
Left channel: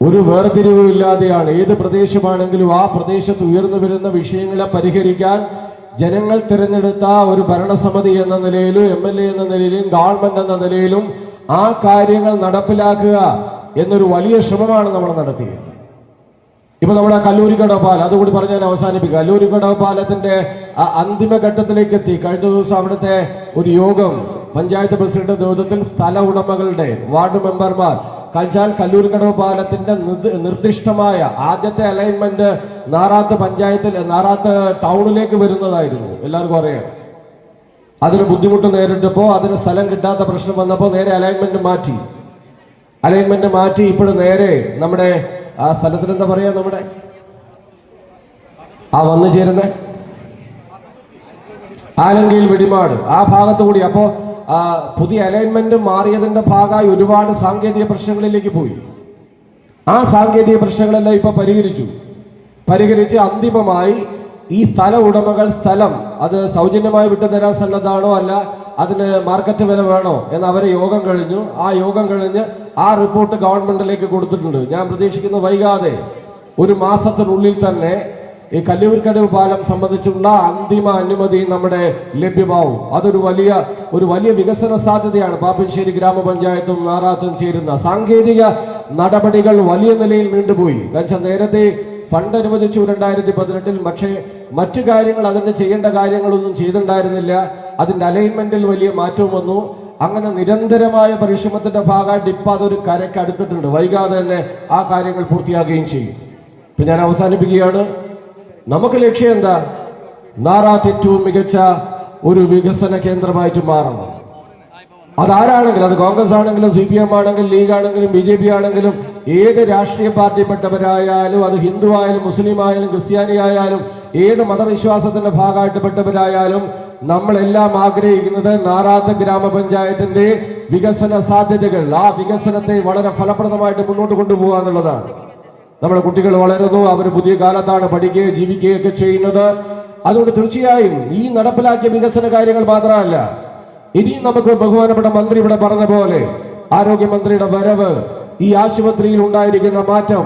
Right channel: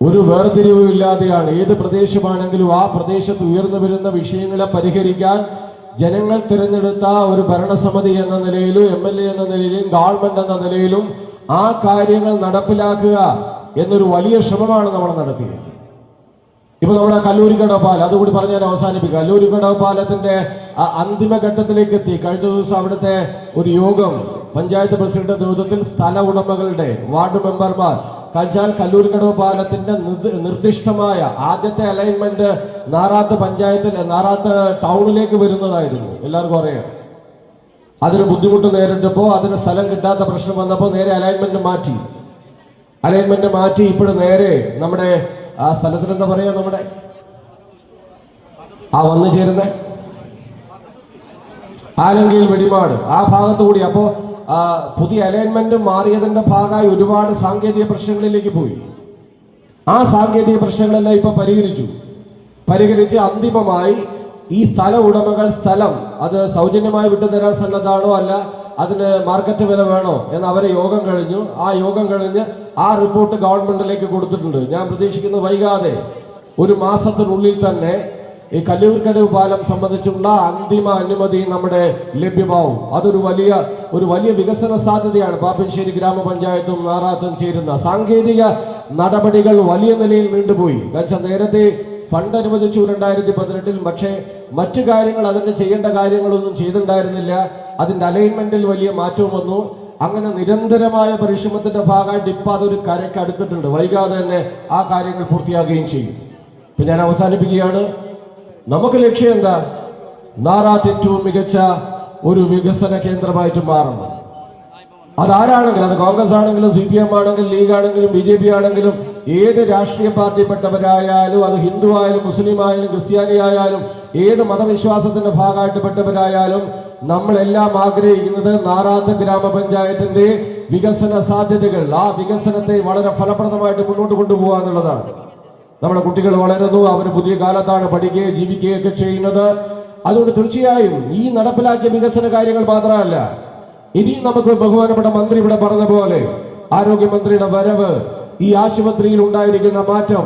ഒരു വേർതിരിവും ഇല്ലാതെയാണ് ഏത് പ്രദേശമാണെങ്കിലും ആ പ്രദേശത്ത് ഉയർന്നു വരുന്ന വിഷയങ്ങളെ പരിഹരിക്കാൻ ജനങ്ങൾ തിരഞ്ഞെടുത്ത ഒരു ഭരണസമിതി എന്ന നിലയിലും MLA എന്ന നിലയിലും ഗവൺമെന്റ് എന്ന നിലയിലും ആ കാര്യങ്ങൾ നടപ്പിലാക്കുക എന്നൊരു വലിയ ശ്രമമാണ് നമ്മൾ നടത്തിയത്. ഇപ്പൊ നമ്മുടെ കല്ലൂരിക്കടവ് പാലം, അതുകൂടി പറഞ്ഞ് ഞാൻ അവസാനിപ്പിക്കുക. കല്ലൂരിക്കടവ് പാലത്തിന്റെ അന്തിമ ഘട്ടത്തിലേക്ക് എത്തി. കഴിഞ്ഞ ദിവസം അവിടുത്തെ ഒരു യോഗം പഞ്ചായത്ത് പ്രസിഡന്റ് നേതൃത്വത്തിൽ സ്ഥല ഉടമകളുടെ വാർഡ് മെമ്പർമാർ കഴിച്ചാൽ കല്ലൂരിക്കടവ് പാലത്തിന്റെ നിർദ്ദിഷ്ടമായ ആദ്യത്തെ അലൈൻമെന്റ് നാറാത്ത് പഞ്ചായത്തിൽ നാറാത്ത് ടൗണിലേക്ക് വരുന്നതായിരുന്നു. എല്ലാവർക്കും അറിയാം. അതിന് ബുദ്ധിമുട്ട് നേരിട്ടപ്പോൾ അതിന് സ്ഥലം കിട്ടാത്ത പ്രശ്നം വന്നപ്പോൾ നേരെ അലൈൻമെന്റ് മാറ്റി ഇപ്പോൾ നേരെ നമ്മുടെ ആ സ്ഥലത്തിന് എന്താ പറയാ, നമ്മുടെ വന്നു ചേരുന്ന ആലങ്കയിൽ വെടിമാട് ആ ഭാഗത്തു കൂടി. അപ്പോ പുതിയ അലൈൻമെന്റ് മാറിയതിന്റെ ഭാഗമായി ഒരുപാട് സാങ്കേതിക പ്രശ്നങ്ങളിലേക്ക് പോയി. ആ സാങ്കേതിക പ്രശ്നങ്ങളെല്ലാം ഇപ്പൊ പരിഹരിച്ച് അന്തിമമായി ഈ സ്ഥല ഉടമകൾ സ്ഥലം അത് സൗജന്യമായി വിട്ടുതരാൻ സന്നദ്ധാണോ അല്ല അതിന് മാർക്കറ്റ് വില വേണോ എന്ന് അവരെ യോഗം കഴിഞ്ഞ് ആ റിപ്പോർട്ട് ഗവൺമെന്റിലേക്ക് കൊടുത്തിട്ടുണ്ട്. ഞാൻ പ്രതീക്ഷിക്കുന്നു വൈകാതെ ഒരു മാസത്തിനുള്ളിൽ തന്നെ ഈ കല്ലൂർക്കടവ് പാലം സംബന്ധിച്ചുള്ള അന്തിമ അനുമതി നമ്മുടെ ലഭ്യമാവും. അതൊരു വലിയ വികസന സാധ്യതയാണ്. പാപ്പഞ്ചേരി ഗ്രാമപഞ്ചായത്തും നാറാത്തും ചേരുന്ന സാങ്കേതിക നടപടികൾ വലിയ നിലയിൽ നീണ്ടുപോയി. കാരണം നേരത്തെ ഫണ്ട് അനുവദിച്ചു 2018, പക്ഷേ മറ്റു കാര്യങ്ങൾ അതിന് ചെയ്യേണ്ട കാര്യങ്ങളൊന്നും ചെയ്തിട്ടുണ്ടായിരുന്നില്ല. അതിന്റെ അലൈൻമെന്റിൽ വലിയ മാറ്റവും വന്നു. അങ്ങനെ നിരന്തരമായ പരിശ്രമത്തിന്റെ ഭാഗമായിട്ട് ഇപ്പൊ അതൊരു കരയ്ക്ക് അടുത്തിട്ടുണ്ട്. വൈകാതെ തന്നെ ആ കാര്യങ്ങൾ പൂർത്തിയാകുകയും ചെയ്യും. ഇപ്പൊ ഞാൻ അവസാനിപ്പിക്കുകയാണ്. നമുക്ക് ലക്ഷ്യം എന്താ? നാറാത്ത് ഏറ്റവും മികച്ച ഒരു വികസന കേന്ദ്രമായിട്ട് മാറണം. അതാരാണെങ്കിലും, അത് കോൺഗ്രസ് ആണെങ്കിലും CPM ആണെങ്കിലും ലീഗ് ആണെങ്കിലും BJP ആണെങ്കിലും ഏത് രാഷ്ട്രീയ പാർട്ടിപ്പെട്ടവരായാലും, അത് ഹിന്ദു ആയാലും മുസ്ലിം ആയാലും ക്രിസ്ത്യാനി ആയാലും ഏത് മതവിശ്വാസത്തിന്റെ ഭാഗമായിട്ട് പെട്ടവരായാലും നമ്മളെല്ലാം ആഗ്രഹിക്കുന്നത് നാറാത്ത് ഗ്രാമപഞ്ചായത്തിന്റെ വികസന സാധ്യതകൾ, ആ വികസനത്തെ വളരെ ഫലപ്രദമായിട്ട് മുന്നോട്ട് കൊണ്ടുപോകുക എന്നുള്ളതാണ്. നമ്മുടെ കുട്ടികൾ വളരുന്നു, അവർ പുതിയ കാലത്താണ് പഠിക്കുകയും ജീവിക്കുകയൊക്കെ ചെയ്യുന്നത്. അതുകൊണ്ട് തീർച്ചയായും ഈ നടപ്പിലാക്കിയ വികസന കാര്യങ്ങൾ മാത്രമല്ല, ഇനി നമുക്ക് ബഹുമാനപ്പെട്ട മന്ത്രി ഇവിടെ പറഞ്ഞ പോലെ ആരോഗ്യമന്ത്രിയുടെ വരവ്, ഈ ആശുപത്രിയിൽ ഉണ്ടായിരിക്കുന്ന മാറ്റം,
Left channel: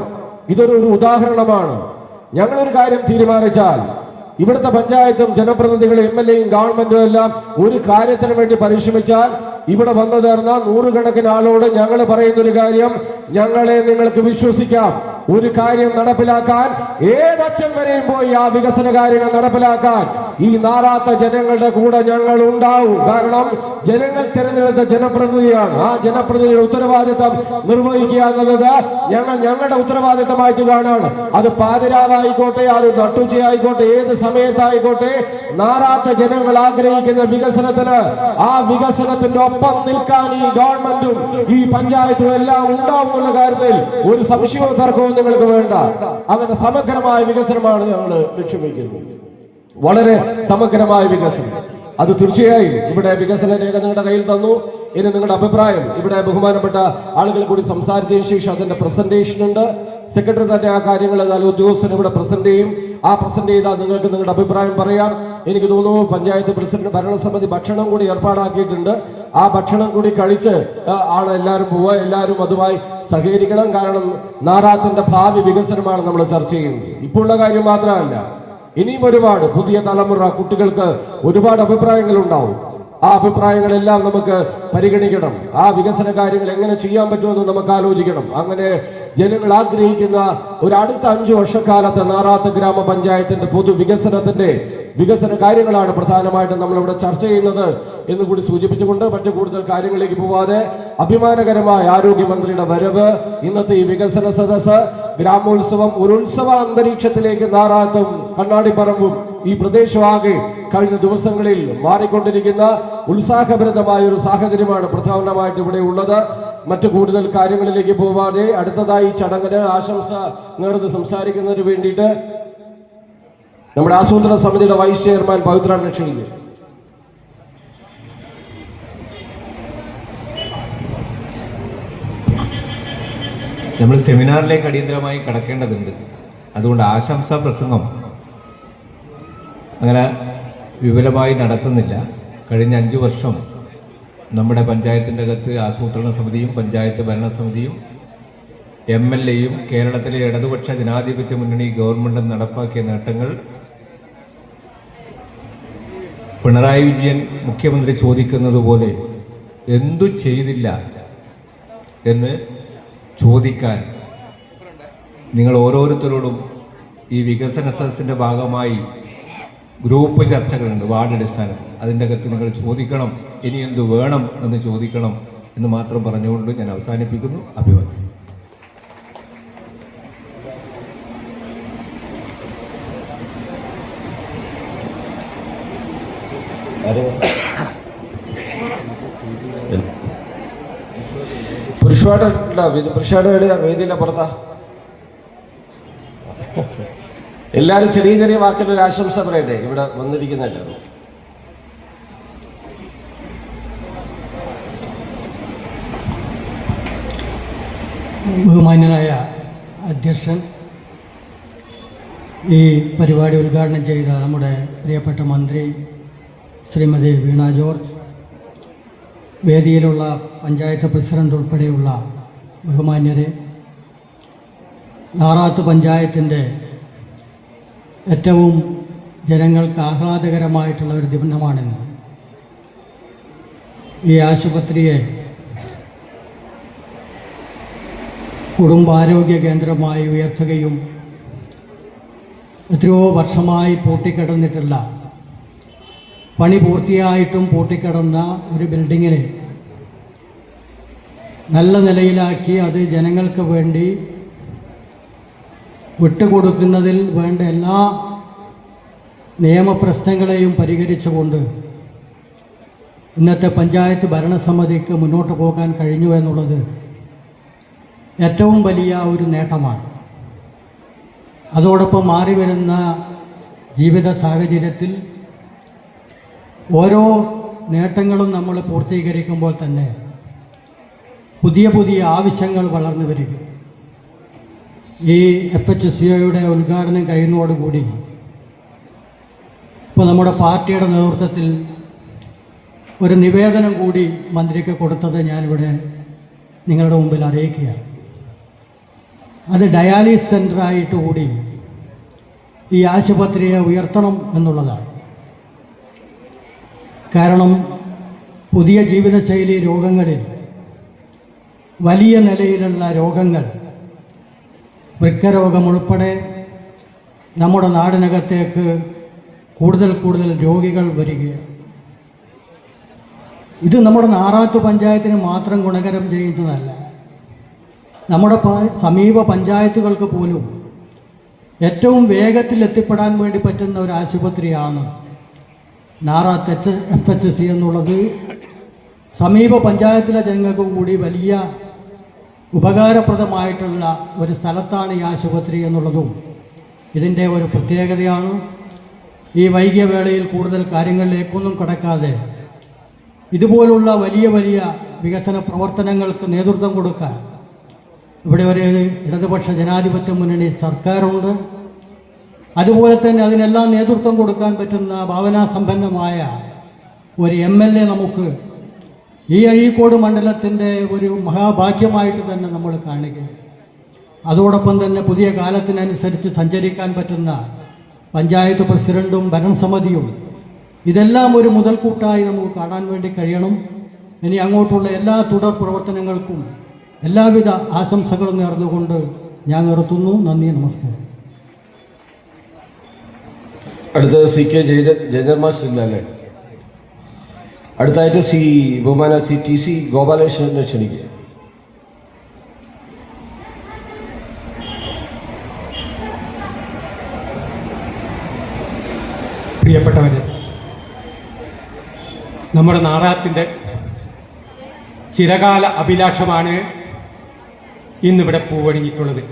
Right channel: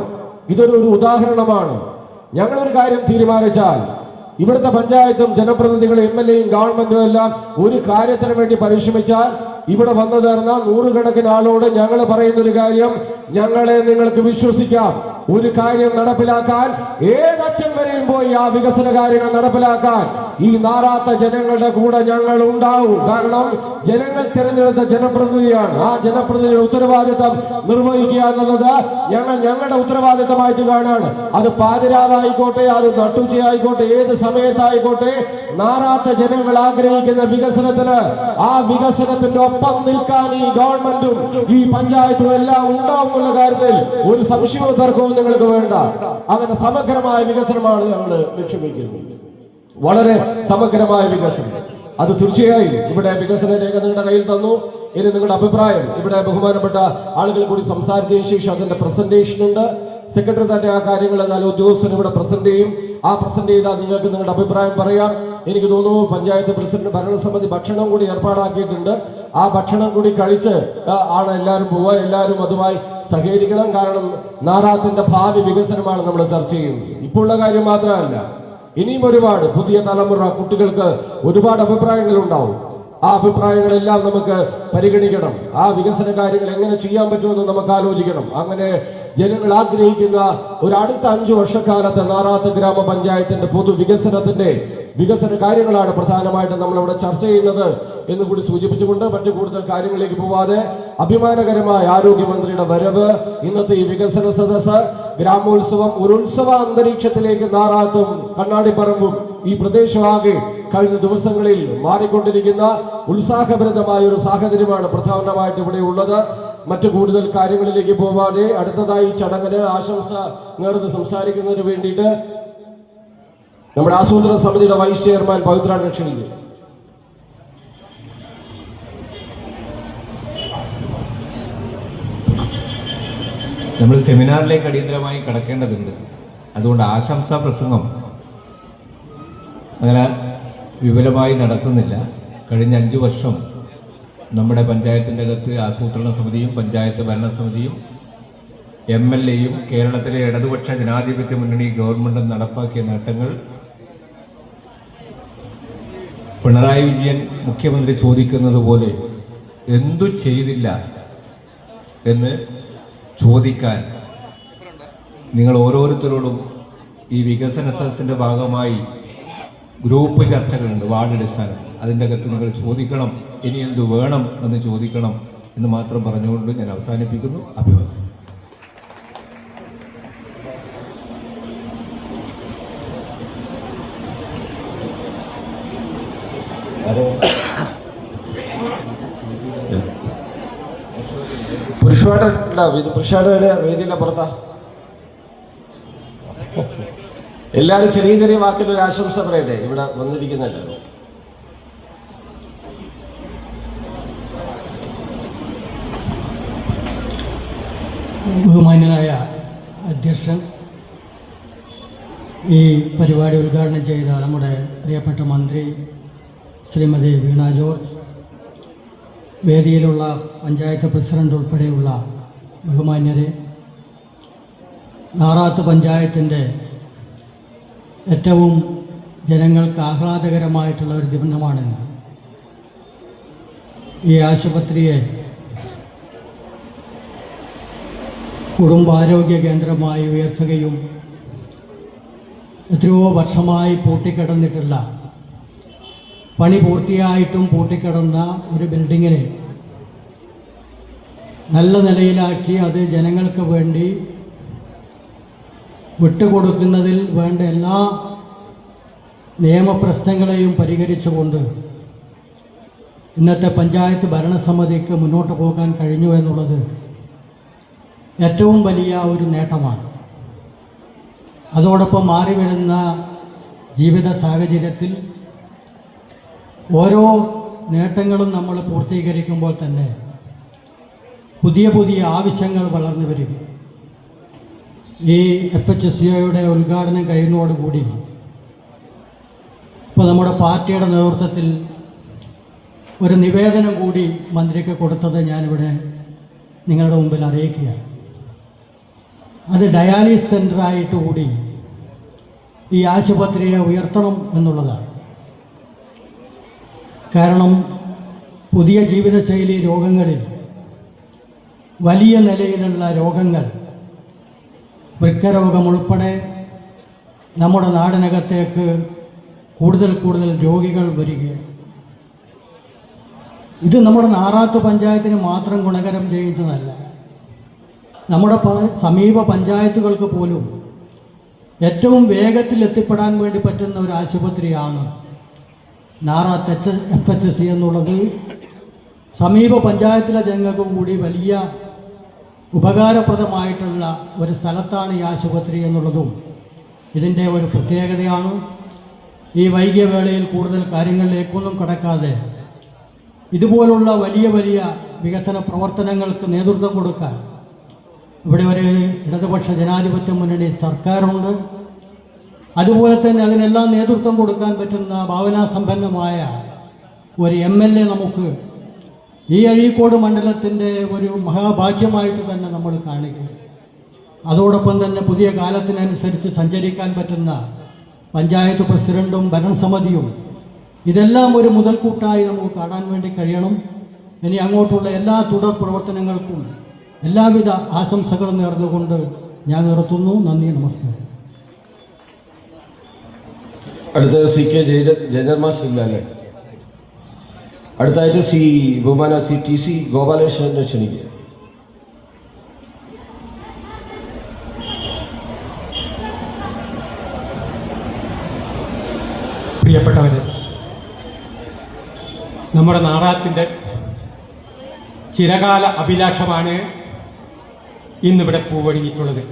ഇതൊരു ഉദാഹരണമാണ്. ഞങ്ങളൊരു കാര്യം തീരുമാനിച്ചാൽ ഇവിടുത്തെ പഞ്ചായത്തും ജനപ്രതിനിധികളും MLAയും ഗവൺമെന്റും എല്ലാം ഒരു കാര്യത്തിന് വേണ്ടി പരിശ്രമിച്ചാൽ ഇവിടെ വന്നു ചേർന്ന നൂറുകണക്കിന് ആളോട് ഞങ്ങൾ പറയുന്നൊരു കാര്യം, ഞങ്ങളെ നിങ്ങൾക്ക് വിശ്വസിക്കാം. ഒരു കാര്യം നടപ്പിലാക്കാൻ ഏതറ്റം വരെയും പോയി ആ വികസന കാര്യങ്ങൾ നടപ്പിലാക്കാൻ ഈ നാറാത്ത ജനങ്ങളുടെ കൂടെ ഞങ്ങൾ ഉണ്ടാവും. കാരണം ജനങ്ങൾ തിരഞ്ഞെടുത്ത ജനപ്രതിനിധിയാണ്. ആ ജനപ്രതിനിധിയുടെ ഉത്തരവാദിത്തം നിർവഹിക്കുക എന്നുള്ളത് ഞങ്ങളുടെ ഉത്തരവാദിത്തമായിട്ട് കാണാണ്. അത് പാതിരാവായിക്കോട്ടെ, അത് നട്ടുച്ചയായിക്കോട്ടെ, ഏത് സമയത്തായിക്കോട്ടെ, നാറാത്ത ജനങ്ങൾ ആഗ്രഹിക്കുന്ന വികസനത്തിന്, ആ വികസനത്തിന്റെ ഒപ്പം നിൽക്കാൻ ഈ ഗവൺമെന്റും ഈ പഞ്ചായത്തും എല്ലാം ഉണ്ടാവുമെന്നുള്ള കാര്യത്തിൽ ഒരു സംശയവും തർക്കവും നിങ്ങൾക്ക് വേണ്ട. അങ്ങനെ സമഗ്രമായ വികസനമാണ് ഞങ്ങൾ ലക്ഷ്യം വയ്ക്കുന്നത്. വളരെ സമഗ്രമായ വികസനം. അത് തീർച്ചയായും ഇവിടെ വികസന രേഖ നിങ്ങളുടെ കയ്യിൽ തന്നു. ഇനി നിങ്ങളുടെ അഭിപ്രായം ഇവിടെ ബഹുമാനപ്പെട്ട ആളുകൾ കൂടി സംസാരിച്ചതിന് ശേഷം അതിന്റെ പ്രസന്റേഷൻ ഉണ്ട്. സെക്രട്ടറി തന്നെ ആ കാര്യങ്ങൾ ഏതായാലും ഉദ്യോഗസ്ഥന് ഇവിടെ പ്രസന്റ് ചെയ്യും. ആ പ്രസന്റ് ചെയ്താൽ നിങ്ങൾക്ക് നിങ്ങളുടെ അഭിപ്രായം പറയാം. എനിക്ക് തോന്നുന്നു പഞ്ചായത്ത് പ്രസിഡന്റ് ഭരണസമിതി ഭക്ഷണം കൂടി ഏർപ്പാടാക്കിയിട്ടുണ്ട്. ആ ഭക്ഷണം കൂടി കഴിച്ച് എല്ലാവരും പോവുക. എല്ലാവരും അതുമായി സഹകരിക്കണം. കാരണം നാറാത്തിന്റെ ഭാവി വികസനമാണ് നമ്മൾ ചർച്ച ചെയ്യുന്നത്. ഇപ്പോൾ ഉള്ള കാര്യം മാത്രമല്ല, ഇനിയും ഒരുപാട് പുതിയ തലമുറ കുട്ടികൾക്ക് ഒരുപാട് അഭിപ്രായങ്ങൾ ഉണ്ടാവും. ആ അഭിപ്രായങ്ങളെല്ലാം നമുക്ക് പരിഗണിക്കണം. ആ വികസന കാര്യങ്ങൾ എങ്ങനെ ചെയ്യാൻ പറ്റുമെന്ന് നമുക്ക് ആലോചിക്കണം. അങ്ങനെ ജനങ്ങൾ ആഗ്രഹിക്കുന്ന ഒരു അടുത്ത 5 വർഷക്കാലത്ത് നാറാത്ത് ഗ്രാമപഞ്ചായത്തിന്റെ വികസന കാര്യങ്ങളാണ് പ്രധാനമായിട്ടും നമ്മളിവിടെ ചർച്ച ചെയ്യുന്നത് എന്ന് കൂടി സൂചിപ്പിച്ചുകൊണ്ട് മറ്റു കൂടുതൽ കാര്യങ്ങളിലേക്ക് പോവാതെ അഭിമാനകരമായ ആരോഗ്യമന്ത്രിയുടെ വരവ്, ഇന്നത്തെ ഈ വികസന സദസ്സ്, ഗ്രാമോത്സവം, ഒരു ഉത്സവ അന്തരീക്ഷത്തിലേക്ക് നാറാത്തും കണ്ണാടിപ്പറമ്പും ഈ പ്രദേശമാകെ കഴിഞ്ഞ ദിവസങ്ങളിൽ മാറിക്കൊണ്ടിരിക്കുന്ന ഉത്സാഹഭരിതമായ ഒരു സാഹചര്യമാണ് പ്രധാനമായിട്ട് ഇവിടെ ഉള്ളത്. മറ്റു കൂടുതൽ കാര്യങ്ങളിലേക്ക് പോവാതെ അടുത്തതായി ചടങ്ങിന് ആശംസ നേർന്ന് സംസാരിക്കുന്നതിന് വേണ്ടിയിട്ട് നമ്മുടെ ആസൂത്രണ സമിതിയുടെ വൈസ് ചെയർമാൻ പവിത്രാൻ ക്ഷണിക്കുന്നു. നമ്മൾ സെമിനാറിലേക്ക് അടിയന്തരമായി കടക്കേണ്ടതുണ്ട്. അതുകൊണ്ട് ആശംസാ പ്രസംഗം അങ്ങനെ വിപുലമായി നടത്തുന്നില്ല. കഴിഞ്ഞ 5 വർഷം നമ്മുടെ പഞ്ചായത്തിൻ്റെ അകത്ത് ആസൂത്രണ സമിതിയും പഞ്ചായത്ത് ഭരണസമിതിയും MLAയും കേരളത്തിലെ ഇടതുപക്ഷ ജനാധിപത്യ മുന്നണി ഗവൺമെൻറ്റും നടപ്പാക്കിയ നേട്ടങ്ങൾ പിണറായി വിജയൻ മുഖ്യമന്ത്രി ചോദിക്കുന്നത് പോലെ എന്തു ചെയ്തില്ല എന്ന് ചോദിക്കാൻ നിങ്ങൾ ഓരോരുത്തരോടും ഈ വികസന സദസ്സിൻ്റെ ഭാഗമായി ഗ്രൂപ്പ് ചർച്ചകളുണ്ട്, വാർഡ് അടിസ്ഥാനത്തിൽ. അതിൻ്റെ അകത്ത് നിങ്ങൾ ചോദിക്കണം, ഇനി എന്തു വേണം എന്ന് ചോദിക്കണം എന്ന് മാത്രം പറഞ്ഞുകൊണ്ട് ഞാൻ അവസാനിപ്പിക്കുന്നു. അഭിവാദ്യം. പുരുഷയുടെ വേദിയിലെ പുറത്താ എല്ലാവരും ചെറിയ ചെറിയ വാക്കിൽ ഒരു ആശംസ പറയട്ടെ ഇവിടെ വന്നിരിക്കുന്നില്ല. ബഹുമാന്യനായ അധ്യക്ഷൻ, ഈ പരിപാടി ഉദ്ഘാടനം ചെയ്ത നമ്മുടെ പ്രിയപ്പെട്ട മന്ത്രി ശ്രീമതി വീണ ജോർജ്, വേദിയിലുള്ള പഞ്ചായത്ത് പ്രസിഡന്റ് ഉൾപ്പെടെയുള്ള ബഹുമാന്യരെ, നാറാത്ത് പഞ്ചായത്തിൻ്റെ ഏറ്റവും ജനങ്ങൾക്ക് ആഹ്ലാദകരമായിട്ടുള്ള ഒരു ദിനമാണിന്ന്. ഈ ആശുപത്രിയെ കുടുംബാരോഗ്യ കേന്ദ്രമായി ഉയർത്തുകയും എത്രയോ വർഷമായി പൂട്ടിക്കിടന്നിട്ടുള്ള, പണി പൂർത്തിയായിട്ടും പൂട്ടിക്കിടന്ന ഒരു ബിൽഡിങ്ങിനെ നല്ല നിലയിലാക്കി അത് ജനങ്ങൾക്ക് വേണ്ടി വിട്ടുകൊടുക്കുന്നതിൽ വേണ്ട എല്ലാ നിയമപ്രശ്നങ്ങളെയും പരിഹരിച്ചുകൊണ്ട് ഇന്നത്തെ പഞ്ചായത്ത് ഭരണസമിതിക്ക് മുന്നോട്ട് പോകാൻ കഴിഞ്ഞു എന്നുള്ളത് ഏറ്റവും വലിയ ഒരു നേട്ടമാണ്. അതോടൊപ്പം മാറി വരുന്ന ജീവിത സാഹചര്യത്തിൽ ഓരോ നേട്ടങ്ങളും നമ്മൾ പൂർത്തീകരിക്കുമ്പോൾ തന്നെ പുതിയ പുതിയ ആവശ്യങ്ങൾ വളർന്നു വരിക. ഈ FHCOയുടെ ഉദ്ഘാടനം കഴിയുന്നതോടുകൂടി ഇപ്പോൾ നമ്മുടെ പാർട്ടിയുടെ നേതൃത്വത്തിൽ ഒരു നിവേദനം കൂടി മന്ത്രിക്ക് കൊടുത്തത് ഞാനിവിടെ നിങ്ങളുടെ മുമ്പിൽ അറിയിക്കുകയാണ്. അത് ഡയാലിസിസ് സെൻ്ററായിട്ട് കൂടി ഈ ആശുപത്രിയെ ഉയർത്തണം എന്നുള്ളതാണ്. കാരണം പുതിയ ജീവിതശൈലി രോഗങ്ങളിൽ വലിയ നിലയിലുള്ള രോഗങ്ങൾ, വൃക്കരോഗം ഉൾപ്പെടെ നമ്മുടെ നാടിനകത്തേക്ക് കൂടുതൽ കൂടുതൽ രോഗികൾ വരികയാണ്. ഇത് നമ്മുടെ നാറാത്ത് പഞ്ചായത്തിന് മാത്രം ഗുണകരം ചെയ്യുന്നതല്ല, നമ്മുടെ സമീപ പഞ്ചായത്തുകൾക്ക് പോലും ഏറ്റവും വേഗത്തിൽ എത്തിപ്പെടാൻ വേണ്ടി പറ്റുന്ന ഒരു ആശുപത്രിയാണ് നാറാത്ത് FHC എന്നുള്ളത്. സമീപ പഞ്ചായത്തിലെ ജനങ്ങൾക്ക് കൂടി വലിയ ഉപകാരപ്രദമായിട്ടുള്ള ഒരു സ്ഥലത്താണ് ഈ ആശുപത്രി എന്നുള്ളതും ഇതിൻ്റെ ഒരു പ്രത്യേകതയാണ്. ഈ വൈകിയ വേളയിൽ കൂടുതൽ കാര്യങ്ങളിലേക്കൊന്നും കടക്കാതെ ഇതുപോലുള്ള വലിയ വലിയ വികസന പ്രവർത്തനങ്ങൾക്ക് നേതൃത്വം കൊടുക്കാൻ ഇവിടെ ഒരു ഇടതുപക്ഷ ജനാധിപത്യ മുന്നണി സർക്കാരുണ്ട്. അതുപോലെ തന്നെ അതിനെല്ലാം നേതൃത്വം കൊടുക്കാൻ പറ്റുന്ന ഭാവനാസമ്പന്നമായ ഒരു MLA നമുക്ക് ഈ അഴീക്കോട് മണ്ഡലത്തിൻ്റെ ഒരു മഹാഭാഗ്യമായിട്ട് തന്നെ നമ്മൾ കാണുകയും, അതോടൊപ്പം തന്നെ പുതിയ കാലത്തിനനുസരിച്ച് സഞ്ചരിക്കാൻ പറ്റുന്ന പഞ്ചായത്ത് പ്രസിഡന്റും ഭരണസമിതിയും ഇതെല്ലാം ഒരു മുതൽക്കൂട്ടായി നമുക്ക് കാണാൻ വേണ്ടി കഴിയണം. ഇനി അങ്ങോട്ടുള്ള എല്ലാ തുടർ പ്രവർത്തനങ്ങൾക്കും എല്ലാവിധ ആശംസകളും നേർന്നുകൊണ്ട് ഞാൻ നിർത്തുന്നു. നന്ദി, നമസ്കാരം. അടുത്തത് സി കെ ജയധർമാസ് ഇല്ലല്ലേ? അടുത്തായിട്ട് ബഹുമാന ടി സി ഗോപാലകൃഷ്ണനെ ക്ഷണിക്കുക. പ്രിയപ്പെട്ടവരെ, നമ്മുടെ നാടാത്തിൻ്റെ ചിരകാല അഭിലാഷമാണ് ഇന്നിവിടെ പൂവണിയിട്ടുള്ളത്.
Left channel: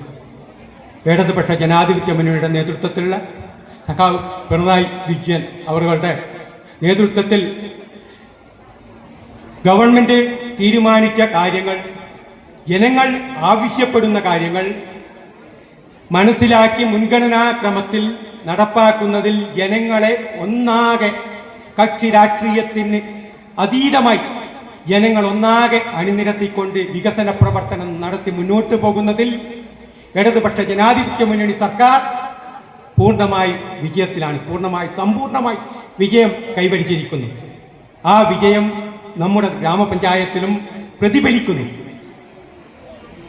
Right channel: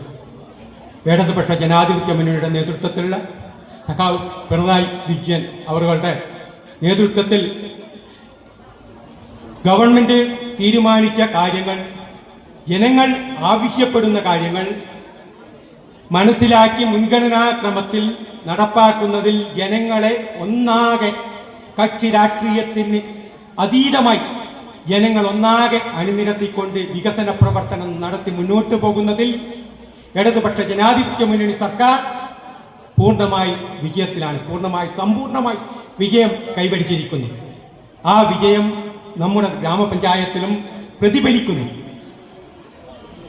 ഇടതുപക്ഷ ജനാധിപത്യ മുന്നണിയുടെ നേതൃത്വത്തിലുള്ള സഖാവ് പിണറായി വിജയൻ അവരുടെ നേതൃത്വത്തിൽ ഗവൺമെൻറ് തീരുമാനിച്ച കാര്യങ്ങൾ, ജനങ്ങൾ ആവശ്യപ്പെടുന്ന കാര്യങ്ങൾ മനസ്സിലാക്കി മുൻഗണനാക്രമത്തിൽ നടപ്പാക്കുന്നതിൽ ജനങ്ങളെ ഒന്നാകെ, കക്ഷി രാഷ്ട്രീയത്തിന് അതീതമായി ജനങ്ങൾ ഒന്നാകെ അണിനിരത്തിക്കൊണ്ട് വികസന പ്രവർത്തനം നടത്തി മുന്നോട്ട് പോകുന്നതിൽ ഇടതുപക്ഷ ജനാധിപത്യ മുന്നണി സർക്കാർ പൂർണ്ണമായി വിജയത്തിലാണ്, സമ്പൂർണ്ണമായി വിജയം കൈവരിച്ചിരിക്കുന്നു. ആ വിജയം നമ്മുടെ ഗ്രാമപഞ്ചായത്തിലും പ്രതിഫലിക്കുന്നു.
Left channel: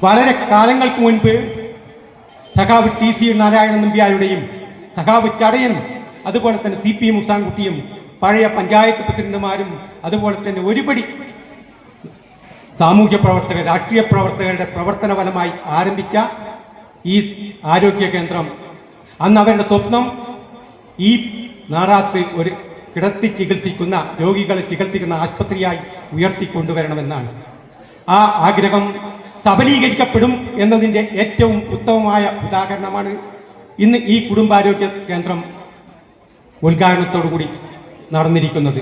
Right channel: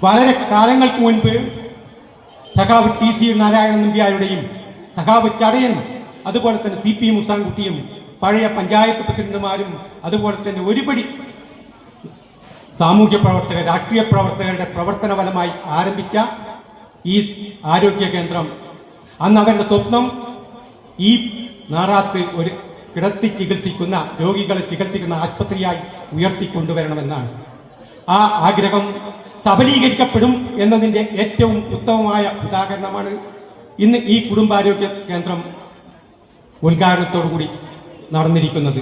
വളരെ കാലങ്ങൾക്ക് മുൻപ് സഖാവ് ടി സി നാരായണൻ നമ്പ്യാരുടെയും സഖാവ് ചടയൻ, അതുപോലെ തന്നെ CP മുസാൻകുട്ടിയും പഴയ പഞ്ചായത്ത് പ്രസിഡന്റുമാരും അതുപോലെ തന്നെ ഒരുപടി സാമൂഹ്യ പ്രവർത്തകർ, രാഷ്ട്രീയ പ്രവർത്തകരുടെ പ്രവർത്തന ഫലമായി ആരംഭിച്ച ഈ ആരോഗ്യ കേന്ദ്രം അന്ന് അവരുടെ സ്വപ്നം ഈ നാറാത്ത് ഒരു കിടത്തി ചികിത്സിക്കുന്ന രോഗികളെ ചികിത്സിക്കുന്ന ആശുപത്രിയായി ഉയർത്തിക്കൊണ്ടുവരണമെന്നാണ്. ആ ആഗ്രഹം സബലീകരിക്കപ്പെടും എന്നതിൻ്റെ ഏറ്റവും ഉത്തമമായ ഉദാഹരണമാണ് ഇന്ന് ഈ കുടുംബാരോഗ്യ കേന്ദ്രം ഉദ്ഘാടനത്തോടുകൂടി നടന്നിരിക്കുന്നത്.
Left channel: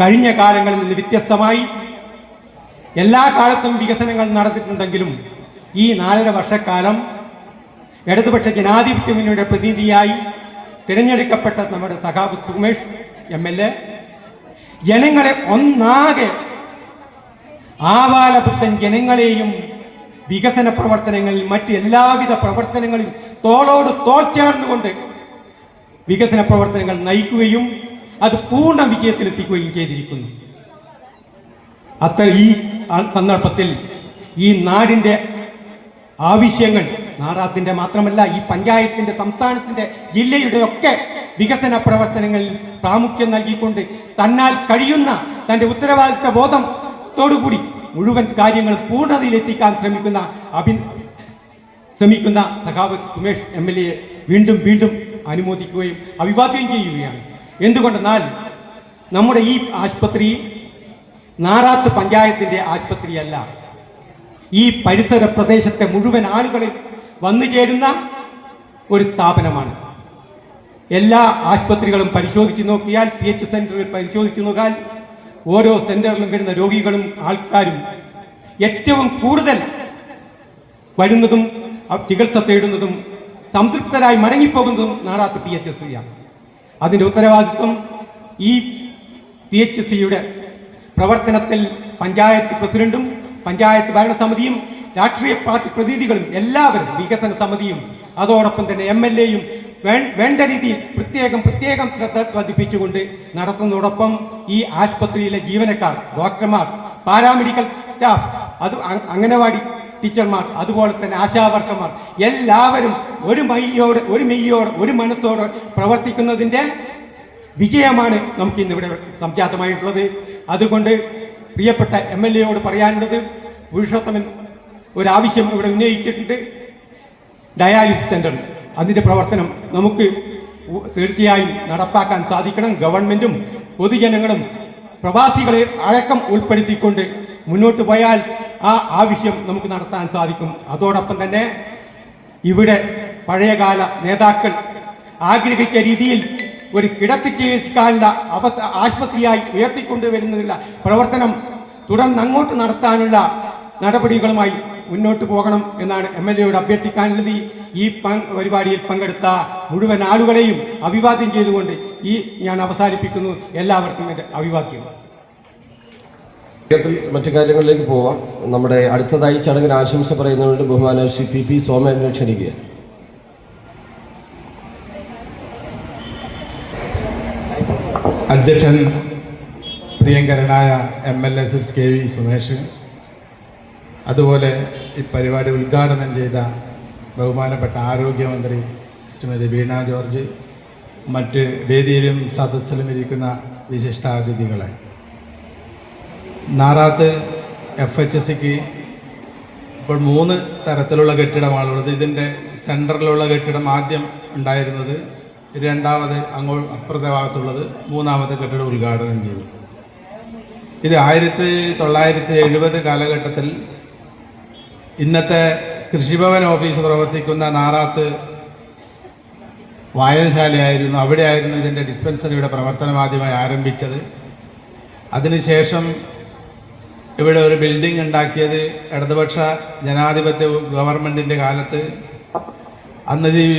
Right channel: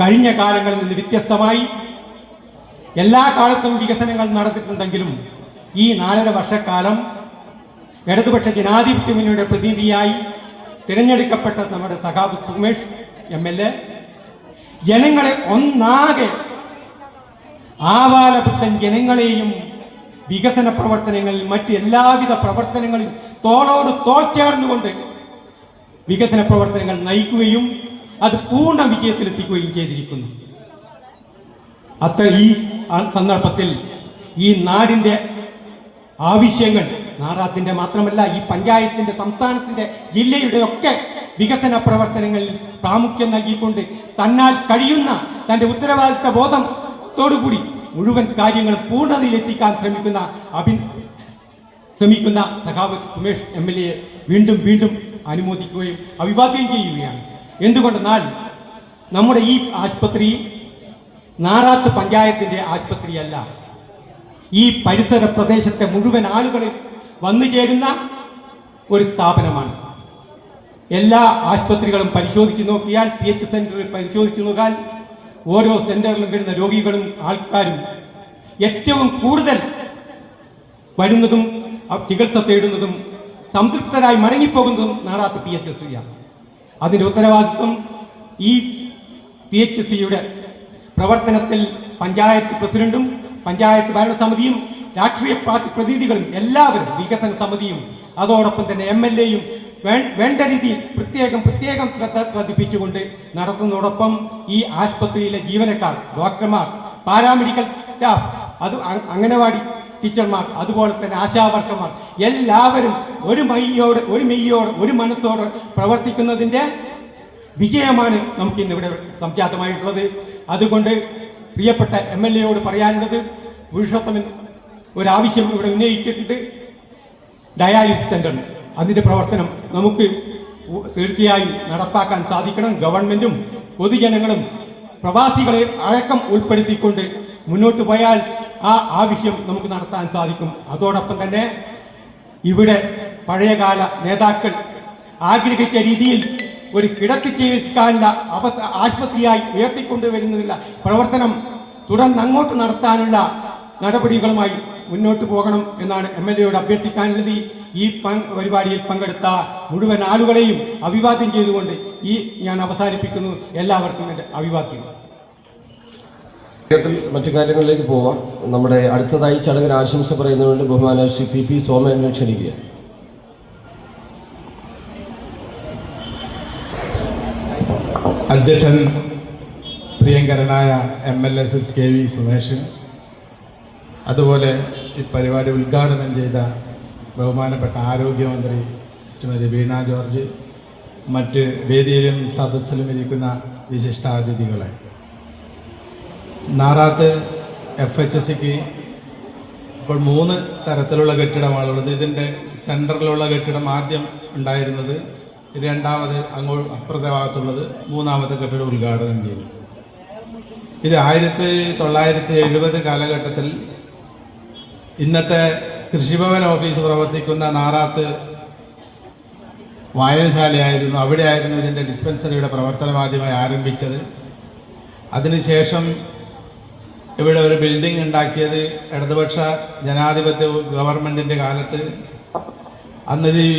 കഴിഞ്ഞ കാലങ്ങളിൽ നിന്ന് വ്യത്യസ്തമായി എല്ലാ കാലത്തും വികസനങ്ങൾ നടന്നിട്ടുണ്ടെങ്കിലും ഈ 4.5 വർഷക്കാലം ഇടതുപക്ഷ ജനാധിപത്യ മുന്നണിയുടെ പ്രതിനിധിയായി തിരഞ്ഞെടുക്കപ്പെട്ട നമ്മുടെ സഖാവ് സുമേഷ് MLA ജനങ്ങളെ ഒന്നാകെ, ആവാലപുത്തൻ ജനങ്ങളെയും വികസന പ്രവർത്തനങ്ങളിൽ മറ്റ് എല്ലാവിധ പ്രവർത്തനങ്ങളിൽ തോളോട് തോൾ ചേർന്നുകൊണ്ട് വികസന പ്രവർത്തനങ്ങൾ നയിക്കുകയും അത് പൂർണ്ണ വിജയത്തിലെത്തിക്കുകയും ചെയ്തിരിക്കുന്നു. ഈ സന്ദർഭത്തിൽ ഈ നാടിൻ്റെ ആവശ്യങ്ങൾ, നാറാത്തിൻ്റെ മാത്രമല്ല ഈ പഞ്ചായത്തിൻ്റെ, സംസ്ഥാനത്തിൻ്റെ, ജില്ലയുടെ ഒക്കെ വികസന പ്രവർത്തനങ്ങളിൽ പ്രാമുഖ്യം നൽകിക്കൊണ്ട് തന്നാൽ കഴിയുന്ന തൻ്റെ ഉത്തരവാദിത്ത ബോധത്തോടുകൂടി മുഴുവൻ കാര്യങ്ങൾ പൂർണ്ണതയിലെത്തിക്കാൻ ശ്രമിക്കുന്ന സഖാവ് സുമേഷ് MLA വീണ്ടും വീണ്ടും അനുമോദിക്കുകയും അഭിവാദ്യം ചെയ്യുകയാണ്. എന്തുകൊണ്ടെന്നാൽ നമ്മുടെ ഈ ആശുപത്രി നാറാത്ത് പഞ്ചായത്തിൻ്റെ ആശുപത്രിയല്ല, ഈ പരിസര പ്രദേശത്തെ മുഴുവൻ ആളുകളിൽ വന്നു ചേരുന്ന ഒരു സ്ഥാപനമാണ്. എല്ലാ ആശുപത്രികളും പരിശോധിച്ച് നോക്കിയാൽ, PH സെന്ററിൽ പരിശോധിച്ച് നോക്കിയാൽ ഓരോ സെന്ററിലും വരുന്ന രോഗികളും ആൾക്കാരും ഏറ്റവും കൂടുതൽ വരുന്നതും ചികിത്സ തേടുന്നതും സംതൃപ്തരായി മടങ്ങിപ്പോകുന്നതും നാറാത്ത് PHCയാണ്. അതിൻ്റെ ഉത്തരവാദിത്വം ഈ PHCയുടെ പ്രവർത്തനത്തിൽ പഞ്ചായത്ത് പ്രസിഡന്റും പഞ്ചായത്ത് ഭരണസമിതിയും രാഷ്ട്രീയ പാർട്ടി പ്രതിനിധികളും എല്ലാവരും, വികസന സമിതിയും അതോടൊപ്പം തന്നെ MLAയും വേണ്ട രീതിയിൽ പ്രത്യേകം ശ്രദ്ധ പതിപ്പിച്ചുകൊണ്ട് നടത്തുന്നതോടൊപ്പം ഈ ആശുപത്രിയിലെ ജീവനക്കാർ, ഡോക്ടർമാർ, പാരാമെഡിക്കൽ സ്റ്റാഫ്, അത് അംഗനവാടി ടീച്ചർമാർ, അതുപോലെ തന്നെ ആശാവർക്കർമാർ എല്ലാവരും ഒരു മെയ്യോടെ ഒരു മനസ്സോടെ പ്രവർത്തിക്കുന്നതിൻ്റെ വിജയമാണ് നമുക്ക് ഇന്നിവിടെ സംജാതമായിട്ടുള്ളത്. അതുകൊണ്ട് പ്രിയപ്പെട്ട MLAയോട് പറയാനുള്ളത്, പുരുഷോത്തമൻ ഒരാവശ്യം ഇവിടെ ഉന്നയിച്ചിട്ടുണ്ട്, ഡയാലിസിസ് സെന്റർ. അതിൻ്റെ പ്രവർത്തനം നമുക്ക് തീർച്ചയായും നടപ്പാക്കാൻ സാധിക്കണം. ഗവൺമെന്റും പൊതുജനങ്ങളും പ്രവാസികളെ അടക്കം ഉൾപ്പെടുത്തിക്കൊണ്ട് മുന്നോട്ട് പോയാൽ ആ ആവശ്യം നമുക്ക് നടത്താൻ സാധിക്കും. അതോടൊപ്പം തന്നെ ഇവിടെ പഴയകാല നേതാക്കൾ ആഗ്രഹിച്ച രീതിയിൽ ഒരു കിടത്തി ചികിത്സിക്കാനുള്ള ആശുപത്രിയായി ഉയർത്തിക്കൊണ്ടുവരുന്നതിനുള്ള പ്രവർത്തനം തുടർന്ന് അങ്ങോട്ട് നടത്താനുള്ള നടപടികളുമായി മുന്നോട്ട് പോകണം എന്നാണ് MLAയോട് അഭ്യർത്ഥിക്കാനുള്ളത്. ഈ പരിപാടിയിൽ പങ്കെടുത്ത മുഴുവൻ ആളുകളെയും അഭിവാദ്യം ചെയ്തുകൊണ്ട് ഞാൻ അവസാനിപ്പിക്കുന്നു. എല്ലാവർക്കും എൻ്റെ അഭിവാദ്യം. മറ്റു കാര്യങ്ങളിലേക്ക് പോവാം. നമ്മുടെ അടുത്തതായി ചടങ്ങിന് ആശംസ പറയുന്നതുകൊണ്ട് ബഹുമാന ശ്രീ PP സോമനെ ക്ഷണിക്കുക. അധ്യക്ഷൻ പ്രിയങ്കരനായ MLA KV സുമേഷ്, അതുപോലെ ഈ പരിപാടി ഉദ്ഘാടനം ചെയ്ത ബഹുമാനപ്പെട്ട ആരോഗ്യമന്ത്രി ശ്രീമതി വീണ ജോർജ്, മറ്റ് വേദിയിലും സദസ്സിലും ഇരിക്കുന്ന വിശിഷ്ടാതിഥികളെ, നാറാത്ത് FHSക്ക് ഇപ്പോൾ 3 തരത്തിലുള്ള കെട്ടിടമാണുള്ളത്. ഇതിൻ്റെ സെൻറ്ററിലുള്ള കെട്ടിടം ആദ്യം ഉണ്ടായിരുന്നത്, രണ്ടാമത് അങ്ങോട്ട് അപ്പുറത്തെ ഭാഗത്തുള്ളത്, മൂന്നാമത്തെ കെട്ടിടം ഉദ്ഘാടനം ചെയ്തു. ഇത് 1970 കാലഘട്ടത്തിൽ ഇന്നത്തെ കൃഷിഭവൻ ഓഫീസ് പ്രവർത്തിക്കുന്ന നാറാത്ത് വായനശാലയായിരുന്നു. അവിടെയായിരുന്നു ഇതിൻ്റെ ഡിസ്പെൻസറിയുടെ പ്രവർത്തനം ആദ്യമായി ആരംഭിച്ചത്. അതിനുശേഷം ഇവിടെ ഒരു ബിൽഡിംഗ് ഉണ്ടാക്കിയത് ഇടതുപക്ഷ ജനാധിപത്യ ഗവൺമെൻറ്റിൻ്റെ കാലത്ത്. അന്ന് ഈ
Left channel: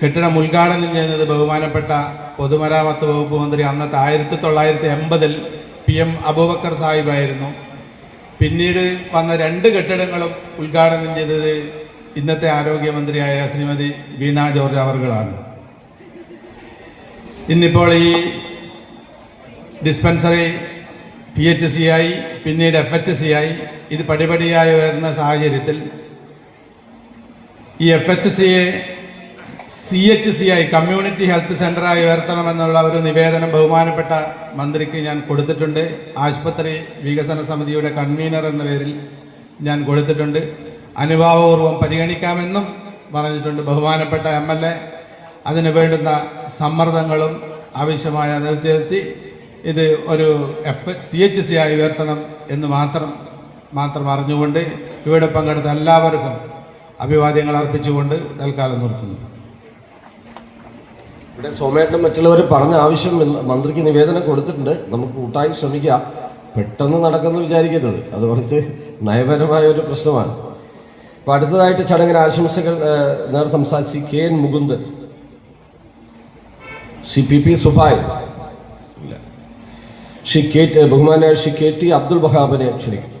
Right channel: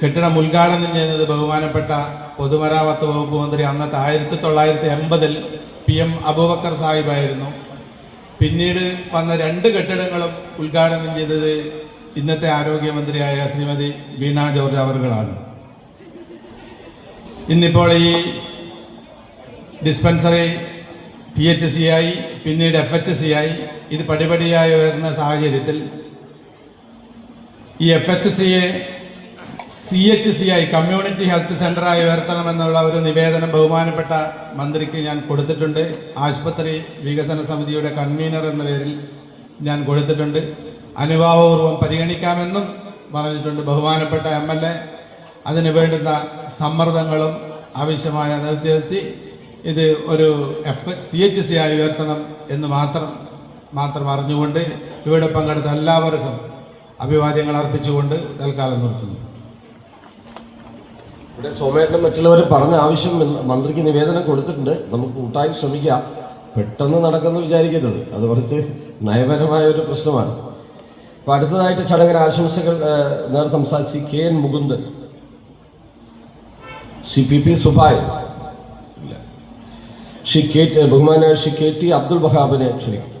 കെട്ടിടം ഉദ്ഘാടനം ചെയ്യുന്നത് ബഹുമാനപ്പെട്ട പൊതുമരാമത്ത് വകുപ്പ് മന്ത്രി അന്നത്തെ 1980 PM അബൂബക്കർ സാഹിബായിരുന്നു. പിന്നീട് വന്ന 2 കെട്ടിടങ്ങളും ഉദ്ഘാടനം ചെയ്തത് ഇന്നത്തെ ആരോഗ്യമന്ത്രിയായ ശ്രീമതി വീണ ജോർജ് അവർകളാണ്. ഇന്നിപ്പോൾ ഈ ഡിസ്പെൻസറി PHC ആയി, പിന്നീട് FHC ആയി, ഇത് പടിപടിയായി വരുന്ന സാഹചര്യത്തിൽ ഈ FHCയെ CHC ആയി, കമ്മ്യൂണിറ്റി ഹെൽത്ത് സെൻ്ററായി ഉയർത്തണമെന്നുള്ള ഒരു നിവേദനം ബഹുമാനപ്പെട്ട മന്ത്രിക്ക് ഞാൻ കൊടുത്തിട്ടുണ്ട്. ആശുപത്രി വികസന സമിതിയുടെ കൺവീനർ എന്ന പേരിൽ ഞാൻ കൊടുത്തിട്ടുണ്ട്. അനുഭാവപൂർവ്വം പരിഗണിക്കാമെന്നും പറഞ്ഞിട്ടുണ്ട്. ബഹുമാനപ്പെട്ട MLA അതിന് വേണ്ടുന്ന സമ്മർദ്ദങ്ങളും ആവശ്യമായ നിർത്തിയെത്തി ഇത് ഒരു CHC ആയി ഉയർത്തണം എന്ന് മാത്രം അറിഞ്ഞുകൊണ്ട് ഇവിടെ പങ്കെടുത്ത എല്ലാവർക്കും അഭിവാദ്യങ്ങൾ അർപ്പിച്ചുകൊണ്ട് തൽക്കാലം നിർത്തുന്നു. ഇവിടെ സോമേട്ടനും മറ്റുള്ളവരും പറഞ്ഞ ആവശ്യം മന്ത്രിക്ക് നിവേദനം കൊടുത്തിട്ടുണ്ട്. നമുക്ക് കൂട്ടായി ശ്രമിക്കാം. പെട്ടെന്ന് നടക്കുമെന്ന് വിചാരിക്കരുത്, അത് കുറച്ച് നയപരമായ ഒരു പ്രശ്നമാണ്. അപ്പോൾ അടുത്തതായിട്ട് ചടങ്ങിൽ ആശംസകൾ നേർ സംസാരിച്ച് KN മുകുന്ദൻ, CPP സുബായ്, ബഹുമാനായ ശ്രീ KT അബ്ദുൽ വഹാബിനെ ക്ഷണിക്കും.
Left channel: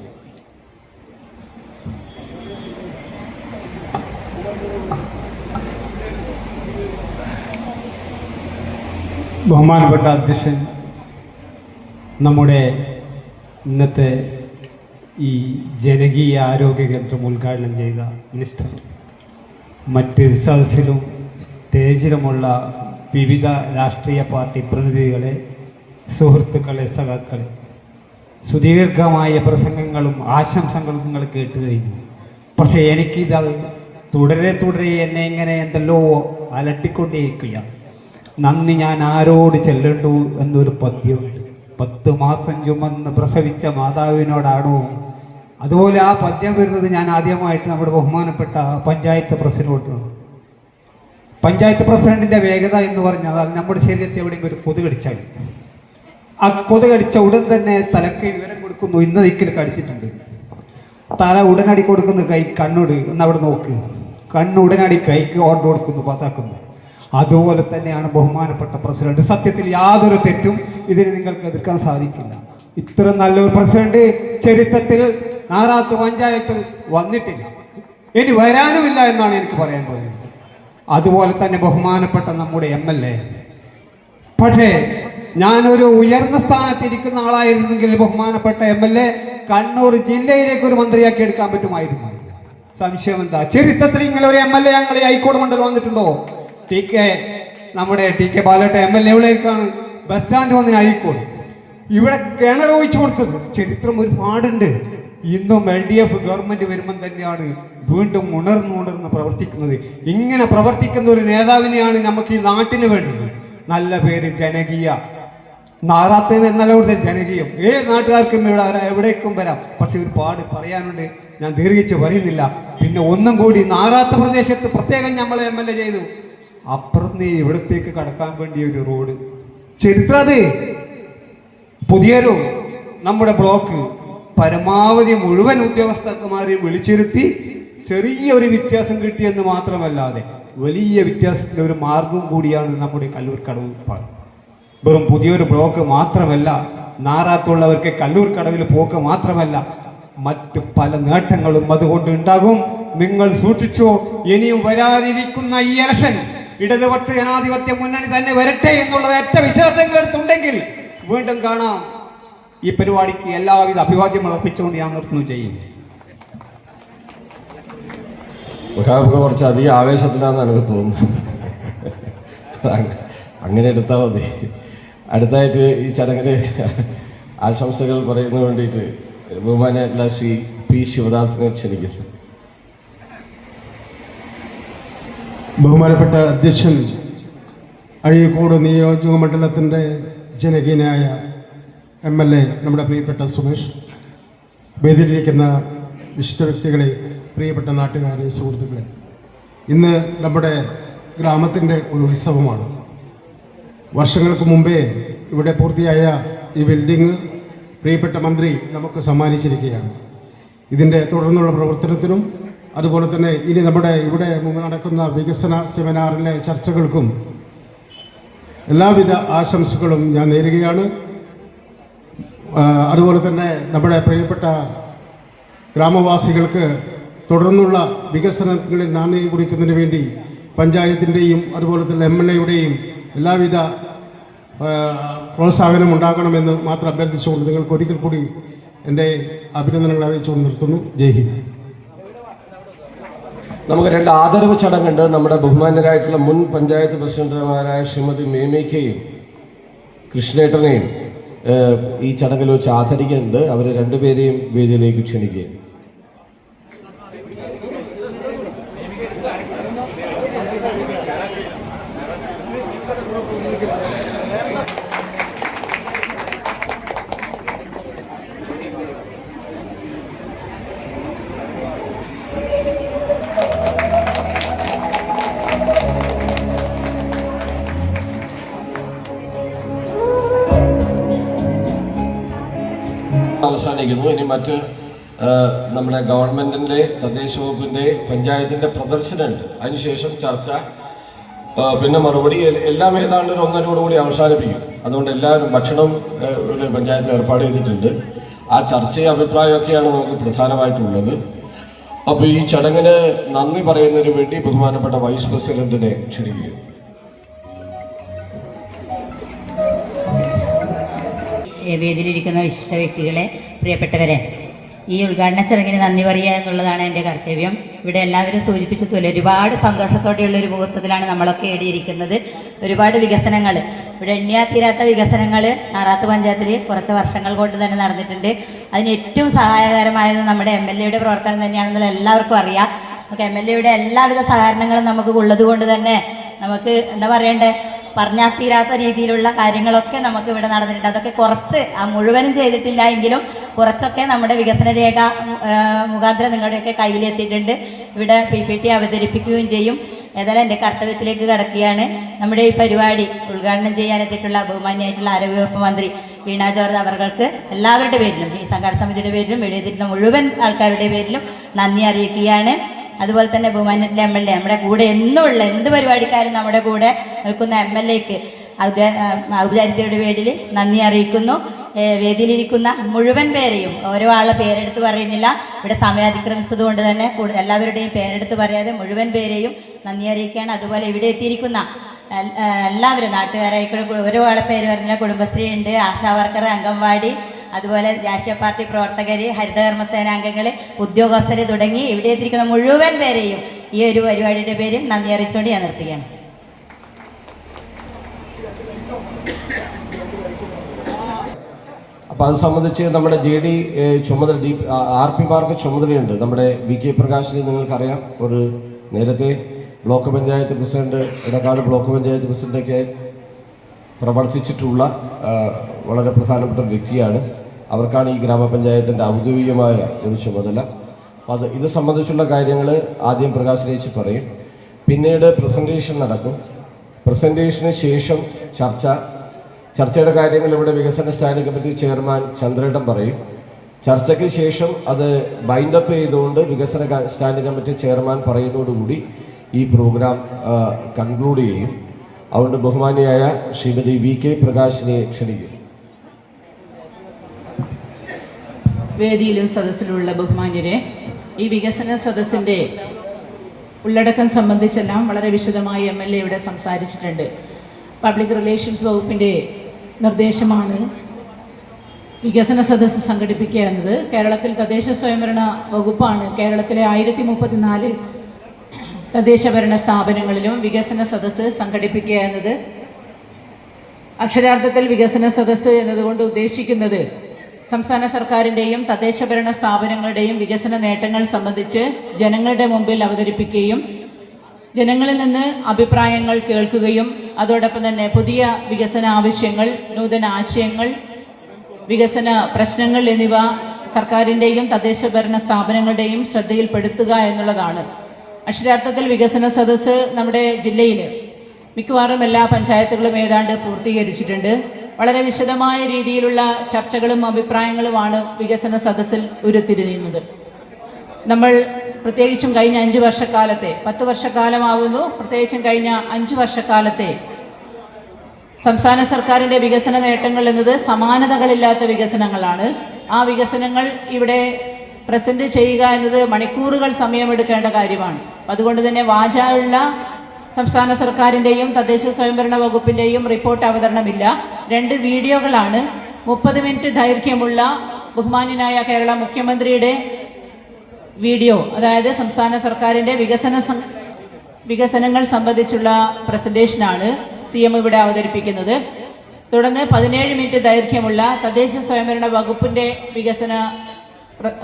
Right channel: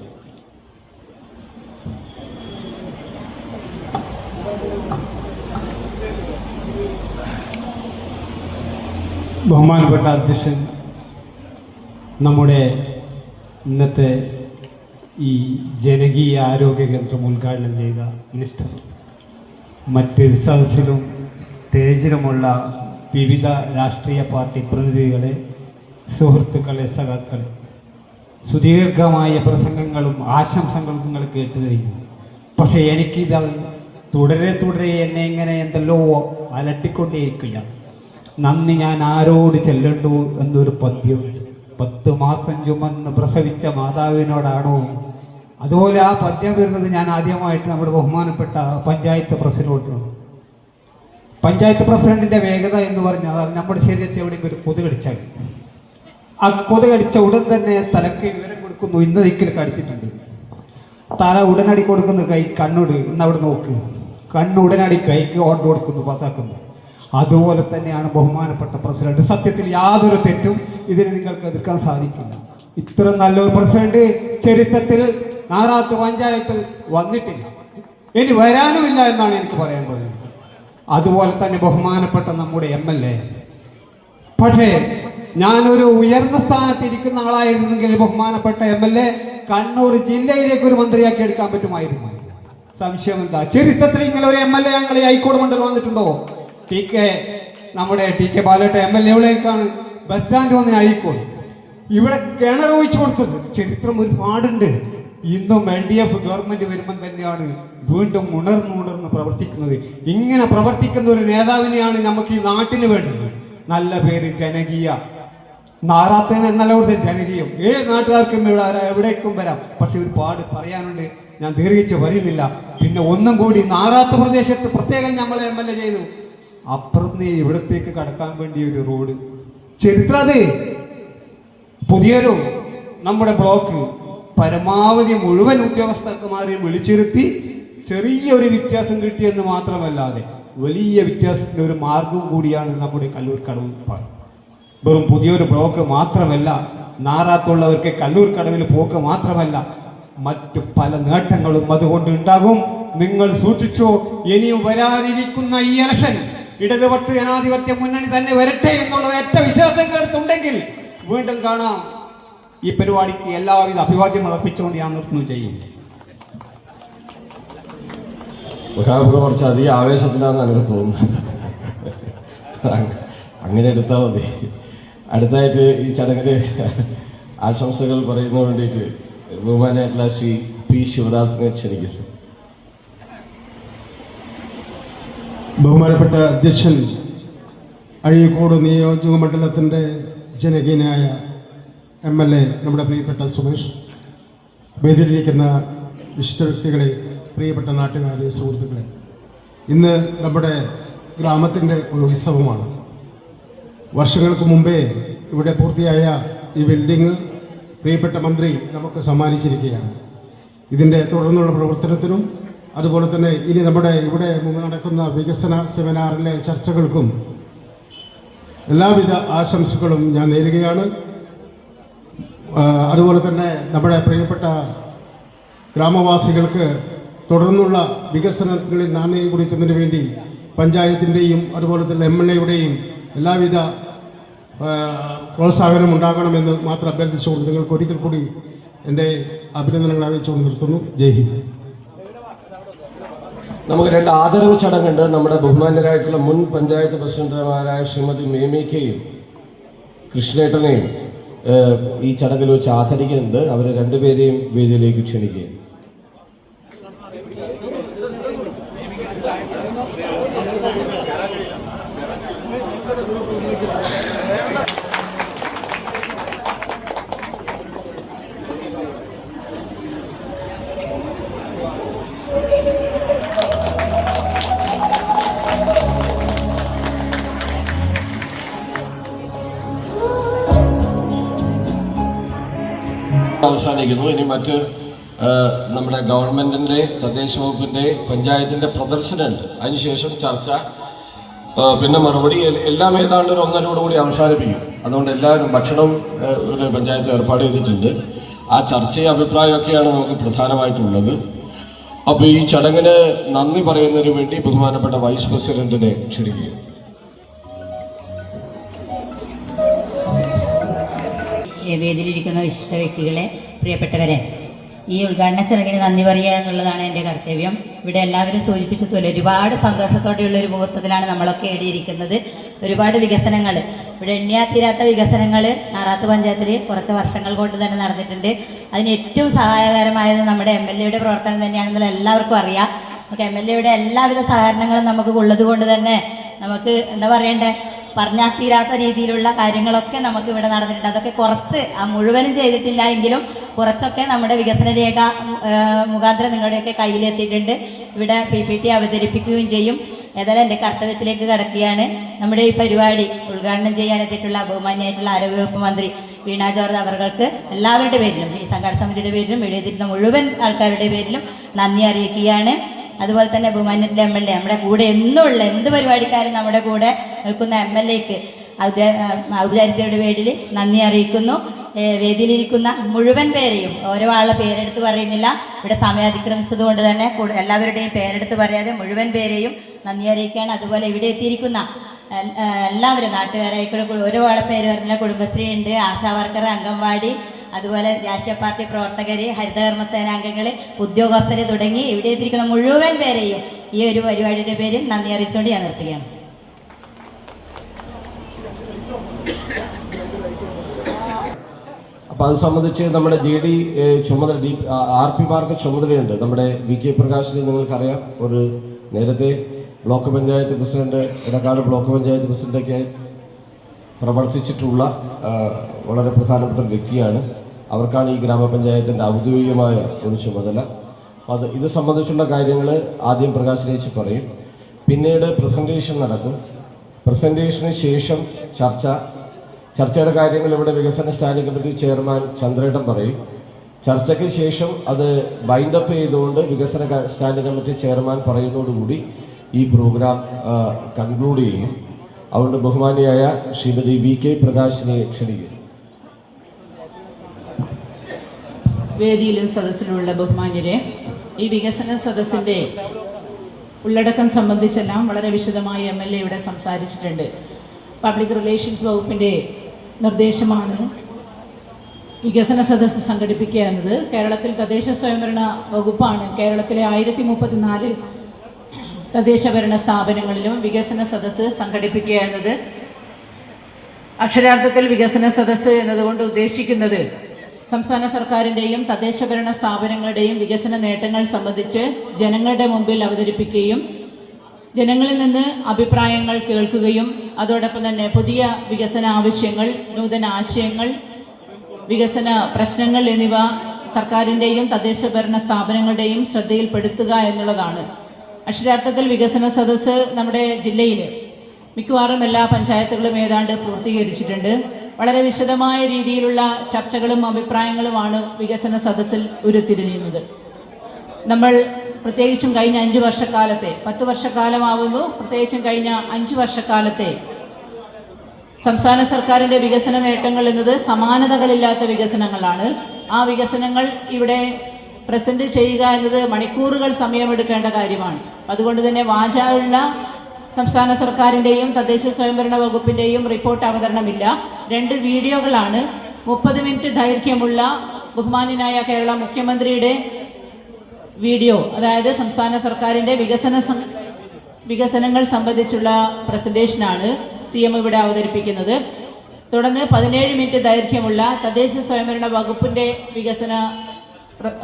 ബഹുമാനപ്പെട്ട അധ്യക്ഷൻ, നമ്മുടെ ഇന്നത്തെ ഈ ജനകീയ ആരോഗ്യ കേന്ദ്രം ഉദ്ഘാടനം ചെയ്ത മിനിസ്റ്റർ, മറ്റ് സദസ്സിലും സ്റ്റേജിലുമുള്ള വിവിധ രാഷ്ട്രീയ പാർട്ടി പ്രതിനിധികളെ, സുഹൃത്തുക്കളെ, സഖാക്കളെ, സുദീർഘമായ പ്രസംഗങ്ങളും ആശംസകളും നിങ്ങൾ കേട്ടു കഴിഞ്ഞു. പക്ഷേ എനിക്കിത് തുടരെ എന്നെ ഇങ്ങനെ എന്തെല്ലോ അലട്ടിക്കൊണ്ടേയിരിക്കുകയാണ്. നന്ദി ഞാൻ ആരോട് ചെല്ലണ്ടു എന്നൊരു പദ്യമുണ്ട്. 10 മാസം ചുമന്ന് പ്രസവിച്ച മാതാവിനോടാണോ? അതുപോലെ ആ പദ്യം വരുന്നത് ഞാൻ ആദ്യമായിട്ട് നമ്മുടെ ബഹുമാനപ്പെട്ട പഞ്ചായത്ത് പ്രസിഡന്റിനോടാണ്. പഞ്ചായത്ത് പ്രസിഡന്റിന്റെ വേഗത എന്ന് പറഞ്ഞാൽ നമ്മുടെ ശരീരത്തിൽ എവിടെയെങ്കിലും ഒരു കൊതു കടിച്ചാൽ ആ കൊതു കടിച്ച ഉടൻ തന്നെ തലക്ക് വിവരം കൊടുക്കുന്നു, ഇന്ന ദിക്കിൽ കടിച്ചിട്ടുണ്ട്. തല ഉടനടി കൊടുക്കുന്നു, കൈ കണ്ണോട് ഒന്ന് അവിടെ നോക്ക്, കണ്ണ് ഉടനടി കൈക്ക് ഓർഡർ കൊടുക്കുന്നു, പാസ്സാക്കുന്നു. അതുപോലെ തന്നെയാണ് ബഹുമാനപ്പെട്ട പ്രസിഡന്റ്. സത്യത്തിൽ യാതൊരു തെറ്റും ഇതിന് നിങ്ങൾക്ക് എതിർക്കാൻ സാധിക്കില്ല. ഇത്ര നല്ലൊരു പ്രസിഡന്റ് ചരിത്രത്തിൽ നാറാത്ത് പഞ്ചായത്ത് വന്നിട്ടില്ല, ഇനി വരാനുമില്ല എന്നാണ് എനിക്ക് പറയാൻ പറയുന്നത്. അതുപോലെ തന്നെ ബഹുമാനപ്പെട്ട നമ്മുടെ MLA. പക്ഷേ ഞാനൊരു ഉയർന്ന സ്ഥാനത്തിരിക്കുന്ന ആളായിരുന്നെങ്കിൽ ബഹുമാനപ്പെട്ട MLA കണ്ണൂർ ജില്ലയിലേക്ക് ഒരു മന്ത്രിയാക്കി എടുക്കാൻ പറ്റുമായിരുന്നു. സംശയം എന്താ? ചരിത്രത്തിൽ ഇങ്ങനെ ഒരു MLA ഞങ്ങൾ ഹൈക്കോടതി മണ്ഡലം വന്നിട്ടുണ്ടോ? നമ്മുടെ TK ബാലേട്ട MLA എവിടേക്കാണ് ബസ് സ്റ്റാൻഡ് വന്നിന് അഴിക്കോട് ഇവിടെ കിണർ ഒഴിച്ചു കൊടുത്തത്. ചരിത്രം ഒരുപാടുണ്ട്. ഇന്നും LDF ഗവൺമെന്റ് വരുമ്പം തന്നെയാണ് വീണ്ടും ഉണർന്ന് പ്രവർത്തിക്കുന്നത്. ഇങ്ങനെ പ്രവർത്തിക്കുന്ന ഒരു നേതാവിനെയാണ് നമുക്ക് ഈ നാട്ടിന് വേണ്ടത്. നല്ല പേര്, ജനകീയ. നാറാത്ത് എന്നല്ലോടെ ജനകീയം ഏത് നാട്ടുകാർക്കും ഇവിടെ എവിടേക്കും വരാം. പക്ഷെ ഒരുപാട് പറയാനുണ്ട്, ഞാൻ ദീർഘിച്ച് പറയുന്നില്ല. പിന്നെ ഒന്നും കൂടി നാറാത്ത് പ്രദേശത്ത് പ്രത്യേകം നമ്മൾ MLA ചെയ്തു. അപ്പുറത്ത് ഇവിടത്തേക്ക് കടക്കാൻ വേണ്ടി ഒരു റോഡ് ചരിത്രത് പുതിയൊരു നമ്മുടെ ബ്ലോക്ക് പരമാവധി മുഴുവൻ ഉദ്യോഗസ്ഥന്മാരെയും വിളിച്ചിരുത്തി ചെറിയൊരു വ്യത്യാസം കിട്ടിയെന്ന് മാത്രമല്ലാതെ വലിയ വ്യത്യാസത്തിന് ഒരു മാർഗം കൂടിയാണ് നമ്മുടെ കല്ലൂർക്കടവ് പാർക്ക്. വെറും പുതിയൊരു ബ്ലോക്ക് മാത്രമല്ല, നാറാത്തുള്ളവർക്ക് കല്ലൂർക്കടവിൽ പോക്ക് മാത്രമല്ല, മറ്റു പല നേട്ടങ്ങളും അതുകൊണ്ട് ഉണ്ടാകും. നിങ്ങൾ സൂക്ഷിച്ചോ. ഇനിയും വരാനിരിക്കുന്ന ഈ ഇലക്ഷൻ ഇടതുപക്ഷ ജനാധിപത്യ മുന്നണി തന്നെ വരട്ടെ എന്നുള്ള ഏറ്റ വിശ്വാസങ്ങൾ എടുത്തുണ്ടെങ്കിൽ വീണ്ടും കാണാം. ഈ പരിപാടിക്ക് എല്ലാവിധ അഭിവാദ്യം അർപ്പിച്ചുകൊണ്ട് ഞാൻ നിർത്തുന്നു. ചെയ്യും കുറച്ച് അധികം ആവേശത്തിലാണെന്ന് എനിക്ക് തോന്നുന്നു. അങ്ങനെ എടുത്താൽ മതി. അടുത്തായിട്ട് ഈ ചടങ്ങിന് ആശംസകൾ പറയുന്നതിന് വേണ്ടിയിട്ട് ബഹുമാനായിട്ടുള്ള ശ്രീ പി ശിവദാസിനെ ക്ഷണിക്കുന്നു. ബഹുമാനപ്പെട്ട അധ്യക്ഷൻ, അഴീക്കോട് നിയോജക മണ്ഡലത്തിൻ്റെ ജനകീയനായ MLA നമ്മുടെ പ്രിയപ്പെട്ട സുമേഷ്, വേദിയിലിരിക്കുന്ന വിശിഷ്ട വ്യക്തികളെ, പ്രിയപ്പെട്ട നാട്ടുകാരെ, സുഹൃത്തുക്കളെ, ഇന്ന് നമ്മുടെ ഗ്രാമത്തിൻ്റെ ഒരു ഉത്സവമാണ്. വർഷങ്ങൾക്ക് മുമ്പേ ഇവിടെ പൂർത്തിയായ ഈ ബിൽഡിംഗ് പ്രിയപ്പെട്ട മന്ത്രി നമുക്ക് സമ്മാനിച്ചിരിക്കുകയാണ്. ഇതിൻ്റെ തുടർന്നുള്ള പ്രവർത്തനത്തിനും അതുപോലെ തന്നെ ഇനി നമ്മുടെ ഇവിടെ നടക്കുന്ന വികസന സെമിനാറിലെ ചർച്ചകൾക്കും എല്ലാവിധ ആശംസകളും ഞാൻ നേരുകയാണ്. അതുപോലെ തന്നെ നമ്മുടെ പ്രിയപ്പെട്ട ഗ്രാമവാസികൾക്ക് തുടർന്നുള്ള വികസനങ്ങളിൽ നാന്ദി കുറിക്കുന്നതിന് വേണ്ടി പഞ്ചായത്തിൻ്റെയും അതുപോലെ തന്നെ MLAയുടെയും എല്ലാവിധ പ്രോത്സാഹനം ഉണ്ടാകണമെന്ന് മാത്രം അഭ്യർത്ഥിച്ചുകൊണ്ട് നിങ്ങൾക്ക് ഒരിക്കൽ കൂടി എൻ്റെ അഭിനന്ദനങ്ങൾ അറിയിച്ചുകൊണ്ട് നിർത്തുന്നു. ജയ് ഹിന്ദ്. നമുക്ക് 2 ആദരവ് ചടങ്ങുണ്ട്. നമ്മുടെ ബഹുമാന്യരായിട്ടുള്ള മുൻ പഞ്ചായത്ത് പ്രസിഡന്റുമാരായ ശ്രീമതി മേമയ്ക്കയും കൃഷ്ണേട്ടനെയും ഈ ചടങ്ങിൽ വെച്ച് ആദരിക്കുന്നുണ്ട്. അവരെ 2 പേരെയും വേദിയിലേക്ക് ക്ഷണിക്കുക. അവസാനിക്കുന്നു. ഇനി മറ്റ് നമ്മുടെ ഗവൺമെൻറ്റിൻ്റെ, തദ്ദേശ വകുപ്പിൻ്റെ, പഞ്ചായത്തിൻ്റെ പ്രദർശനമുണ്ട്. അതിനുശേഷം ചർച്ച, പിന്നെ മറുപടി, എല്ലാം ഏതാണ്ട് ഒരു 1.5 കൂടി അവസാനിപ്പിക്കും. അതുകൊണ്ട് എല്ലാവരും ഭക്ഷണം ഒരു പഞ്ചായത്ത് ഏർപ്പാട് ചെയ്തിട്ടുണ്ട്. ആ ചർച്ചയും അഭിപ്രായമൊക്കെയാണ് നമുക്ക് പ്രധാനമായിട്ടുള്ളത്. അപ്പോൾ ഈ ചടങ്ങിന് നന്ദി പറയുന്നതിന് വേണ്ടി ബഹുമാനപ്പെട്ട വൈസ് പ്രസിഡന്റിനെ ക്ഷണിക്കുക. വേദിയിലിരിക്കുന്ന വിശിഷ്ട വ്യക്തികളെ, പ്രിയപ്പെട്ടവരെ, ഈ ഉദ്ഘാടന ചടങ്ങിന് നന്ദി പറയുക എന്നുള്ളതാണ് എൻ്റെ കർത്തവ്യം. ഇവിടെ എല്ലാവരും സൂചിപ്പിച്ചതുപോലെ ഒരുപാട് സന്തോഷത്തോടെയുള്ള ഒരു മുഹൂർത്തത്തിലാണ് നമ്മളൊക്കെ ഏടിയിരിക്കുന്നത്. ഒരുപാട് വികസനങ്ങൾ, ഇവിടെ എണ്ണിയാത്തീരാത്ത വികസനങ്ങൾ നാറാത്ത് പഞ്ചായത്തിൽ കുറച്ച് വർഷങ്ങൾ കൊണ്ട് തന്നെ നടന്നിട്ടുണ്ട്. അതിന് ഏറ്റവും സഹായകരമായത് നമ്മുടെ MLAയുടെ പ്രവർത്തനം തന്നെയാണെന്നുള്ള എല്ലാവർക്കും അറിയാം. നമുക്ക് MLAയുടെ എല്ലാവിധ സഹകരണങ്ങളും നമുക്ക് ഉള്ളത് കൊണ്ട് തന്നെ നമുക്ക് എന്താ പറയണ്ടേ, പറഞ്ഞാൽ തീരാത്ത രീതിയിലുള്ള കാര്യങ്ങളൊക്കെ നമുക്ക് ഇവിടെ നടന്നിട്ടുണ്ട്. അതൊക്കെ കുറച്ച്, മുഴുവനും ചെയ്തിട്ടില്ല എങ്കിലും കുറച്ചൊക്കെ നമ്മുടെ വികസന രേഖ മുഖാന്തരം നിങ്ങളുടെയൊക്കെ കയ്യിലെത്തിയിട്ടുണ്ട്. ഇവിടെ PPT അവതരിപ്പിക്കുകയും ചെയ്യും. ഏതായാലും എൻ്റെ കർത്തവ്യത്തിലേക്ക് കടക്കുകയാണ്. നമ്മുടെ ഈ പരിപാടി ഉദ്ഘാടനം ചെയ്യാനെത്തിയിട്ടുള്ള ബഹുമാന്യമായിട്ടുള്ള ആരോഗ്യവകുപ്പ് മന്ത്രി വീണ ജോർജ് അവർക്ക് എല്ലാവരുടെ പേരിലും, ഈ സംഘാടന സമിതിയുടെ പേരിലും, എഴുതിയിരുന്ന മുഴുവൻ ആൾക്കാരുടെ പേരിലും നന്ദി അറിയിക്കുകയാണ്. അതുപോലെ തന്നെ ബഹുമാന്യത്തിലെ MLA, നമ്മുടെ കൂടെ എന്നുള്ള എന്ത് പരിപാടിക്കാരും നമ്മുടെ കൂടെ നിൽക്കുന്ന MLAക്ക് ഔപചാരികതയുടെ പേരിൽ നന്ദി അറിയിക്കുന്നു. വേദിയിലിരിക്കുന്ന മുഴുവൻ പേരെയും, ഓരോ ആളെ പേരെടുത്ത് പറയുന്നില്ല, ഇവിടെ സമയം അതിക്രമിച്ചത് കൊണ്ട് തന്നെ എല്ലാവരുടെയും പേരെടുത്ത് പറയാതെ മുഴുവൻ പേരെയും നന്ദി അറിയിക്കുകയാണ്. അതുപോലെ ഇവിടെ എത്തിയിരിക്കുന്ന എല്ലാവരും നാട്ടുകാരായിക്കൂടെ ഓരോ ആളെ പേര് പറഞ്ഞാൽ കുടുംബശ്രീ ഉണ്ട്, ആശാ വർക്കർ, അംഗൻവാടി, അതുപോലെ രാഷ്ട്രീയ പാർട്ടി പ്രവർത്തകർ, ഹരിതകർമ്മസേനാംഗങ്ങൾ, ഉദ്യോഗസ്ഥർ തുടങ്ങി ഇവിടെ എത്തിയിരിക്കുന്ന മുഴുവൻ പേരെയും ഈ ഒരു പരിപാടിയുടെ പേരിൽ നന്ദി അറിയിച്ചുകൊണ്ട് ഞാൻ നിർത്തുകയാണ്. അപ്പോൾ അത് സംബന്ധിച്ച് നമ്മുടെ JD ചുമതല RP മാർക്ക് ചുമതലയുണ്ട്. നമ്മുടെ VK പ്രകാശിനെ നിങ്ങൾക്കറിയാം, ഒരു നേരത്തെ block panchayat president, Edakkad block panchayat പ്രസിഡന്റൊക്കെ പ്രവർത്തിച്ചിട്ടുള്ള വളരെ പ്രധാനപ്പെട്ട ഒരു വ്യക്തിയാണ്. അവർക്കാണ് ഈ ഗ്രാമപഞ്ചായത്തിൻ്റെ ഔദ്യോഗികമായ ഒരു ചുമതല. ഇത് സംബന്ധിച്ചുള്ള കാര്യങ്ങൾ ആദ്യം പ്രകാശിനേച്ച് പറയും, പിന്നീട് പ്രസൻറ്റേഷൻ നടക്കും. പ്രസൻറ്റേഷന് ശേഷം ചർച്ചയുടെ കാര്യങ്ങൾ ഇവിടെ വികസന സ്റ്റാൻഡിംഗ് കമ്മിറ്റി ചെയർമാൻ ചന്ദ്രേട്ടൻ പറയും. ചർച്ചയ്ക്ക് ശേഷം അത് ബൈൻഡപ്പ് ചെയ്തുകൊണ്ട് വികസന സ്റ്റാൻഡിംഗ് കമ്മിറ്റി ചെയർമാൻ പറയുന്നതോടുകൂടി ഈ പ്രോഗ്രാം കൺക്ലൂഡ് ചെയ്യും. അതുകൊണ്ട് ബഹുമാനിയായ ശ്രീമതി VK പ്രകാശിനെ ക്ഷണിക്കും. വേദിയിലും സദസ്സിലുള്ള ബഹുമാന്യരെ, ഈ വികസന സദസ്സിൻ്റെ ഉള്ളടക്കം സംബന്ധിച്ചെല്ലാം വളരെ വിശദമായി MLA ഇവിടെ സംസാരിച്ചിട്ടുണ്ട്. പബ്ലിക് റിലേഷൻസ് വകുപ്പിൻ്റെ നിർദ്ദേശമാണ് വികസന സദസ്സ് സംഘടിപ്പിക്കുക എന്നത്. കേരളത്തിൽ തദ്ദേശ സ്വയംഭരണ വകുപ്പാണ് കേരളത്തിലെ 1034 തദ്ദേശഭരണ സ്ഥാപനങ്ങളിലും വികസന സദസ്സ് സംഘടിപ്പിക്കുക എന്നത്. അക്ഷരാർത്ഥത്തിൽ വികസന സദസ്സ് എന്നതുകൊണ്ട് ഉദ്ദേശിക്കുന്നത് സംസ്ഥാന സർക്കാരിൻ്റെയും തദ്ദേശഭരണ സ്ഥാപനങ്ങളുടെയും വികസന നേട്ടങ്ങൾ സംബന്ധിച്ച് ജനങ്ങളുടെ മുമ്പിൽ അവതരിപ്പിക്കുകയും ജനങ്ങളിൽ നിന്ന് അഭിപ്രായങ്ങൾ കേൾക്കുകയും അതോടൊപ്പം തന്നെ പുതിയ വികസന ആവശ്യങ്ങൾ, നൂതന ആശയങ്ങൾ, വികസന പ്രശ്നങ്ങൾ എന്നിവ സർക്കാരിൻ്റെയും തദ്ദേശഭരണ സ്ഥാപനങ്ങളുടെയും ശ്രദ്ധയിൽപ്പെടുത്തുക എന്നുള്ളതാണ്. അക്ഷരാർത്ഥത്തിൽ വികസന സദസ്സ് നമ്മുടെ ജില്ലയിൽ മിക്കവാറും എല്ലാ പഞ്ചായത്തുകളും ഏതാണ്ട് പൂർത്തീകരിച്ചിട്ടുണ്ട്. വളരെ വിശദമായ രീതിയിലുള്ള ചർച്ചകളും അഭിപ്രായങ്ങളുമാണ് വികസന സദസ്സിൽ ഉരുത്തിരിയുന്നത്. നമ്മൾ പ്രത്യേകിച്ചും കഴിഞ്ഞ 5 വർഷക്കാലത്തെ, 10 വർഷക്കാലമാവുന്നു, പ്രത്യേകിച്ചും കഴിഞ്ഞ 5 വർഷക്കാലത്തെ സംസ്ഥാന സർക്കാരിൻ്റെ വികസന നേട്ടങ്ങൾ എന്നത് സമാനതകളില്ലാത്ത വികസനങ്ങളാണ്. ആ വികസനങ്ങൾ ഇവിടെ പ്രസന്റ് ചെയ്യുക എന്നത് മണിക്കൂറുകൾ സമയമെടുക്കേണ്ട കാര്യമാണ്. അതുകൊണ്ട് തന്നെ വാചാലുള്ള സംസ്ഥാന സർക്കാരിൻ്റെയും തദ്ദേശ സ്വയംഭരണ വകുപ്പിൻ്റെയും റിപ്പോർട്ട് അവതരണമില്ല. 2 വീഡിയോകളാണ്. 30 മിനിറ്റ് ദൈർഘ്യമുള്ള ബഹുമാന്യനായ കേരള മുഖ്യമന്ത്രിയുടെ വീഡിയോ, അതായത് സംസ്ഥാന സർക്കാരിൻ്റെ വികസനങ്ങൾ സംബന്ധിച്ചുള്ള പ്രസന്റേഷനാണ് CM ഇവിടെ അവതരിപ്പിക്കുന്നത്. തുടർന്ന് 17 മിനിറ്റ് ദൈർഘ്യമുള്ള തദ്ദേശ സ്വയംഭരണ വകുപ്പിൻ്റെ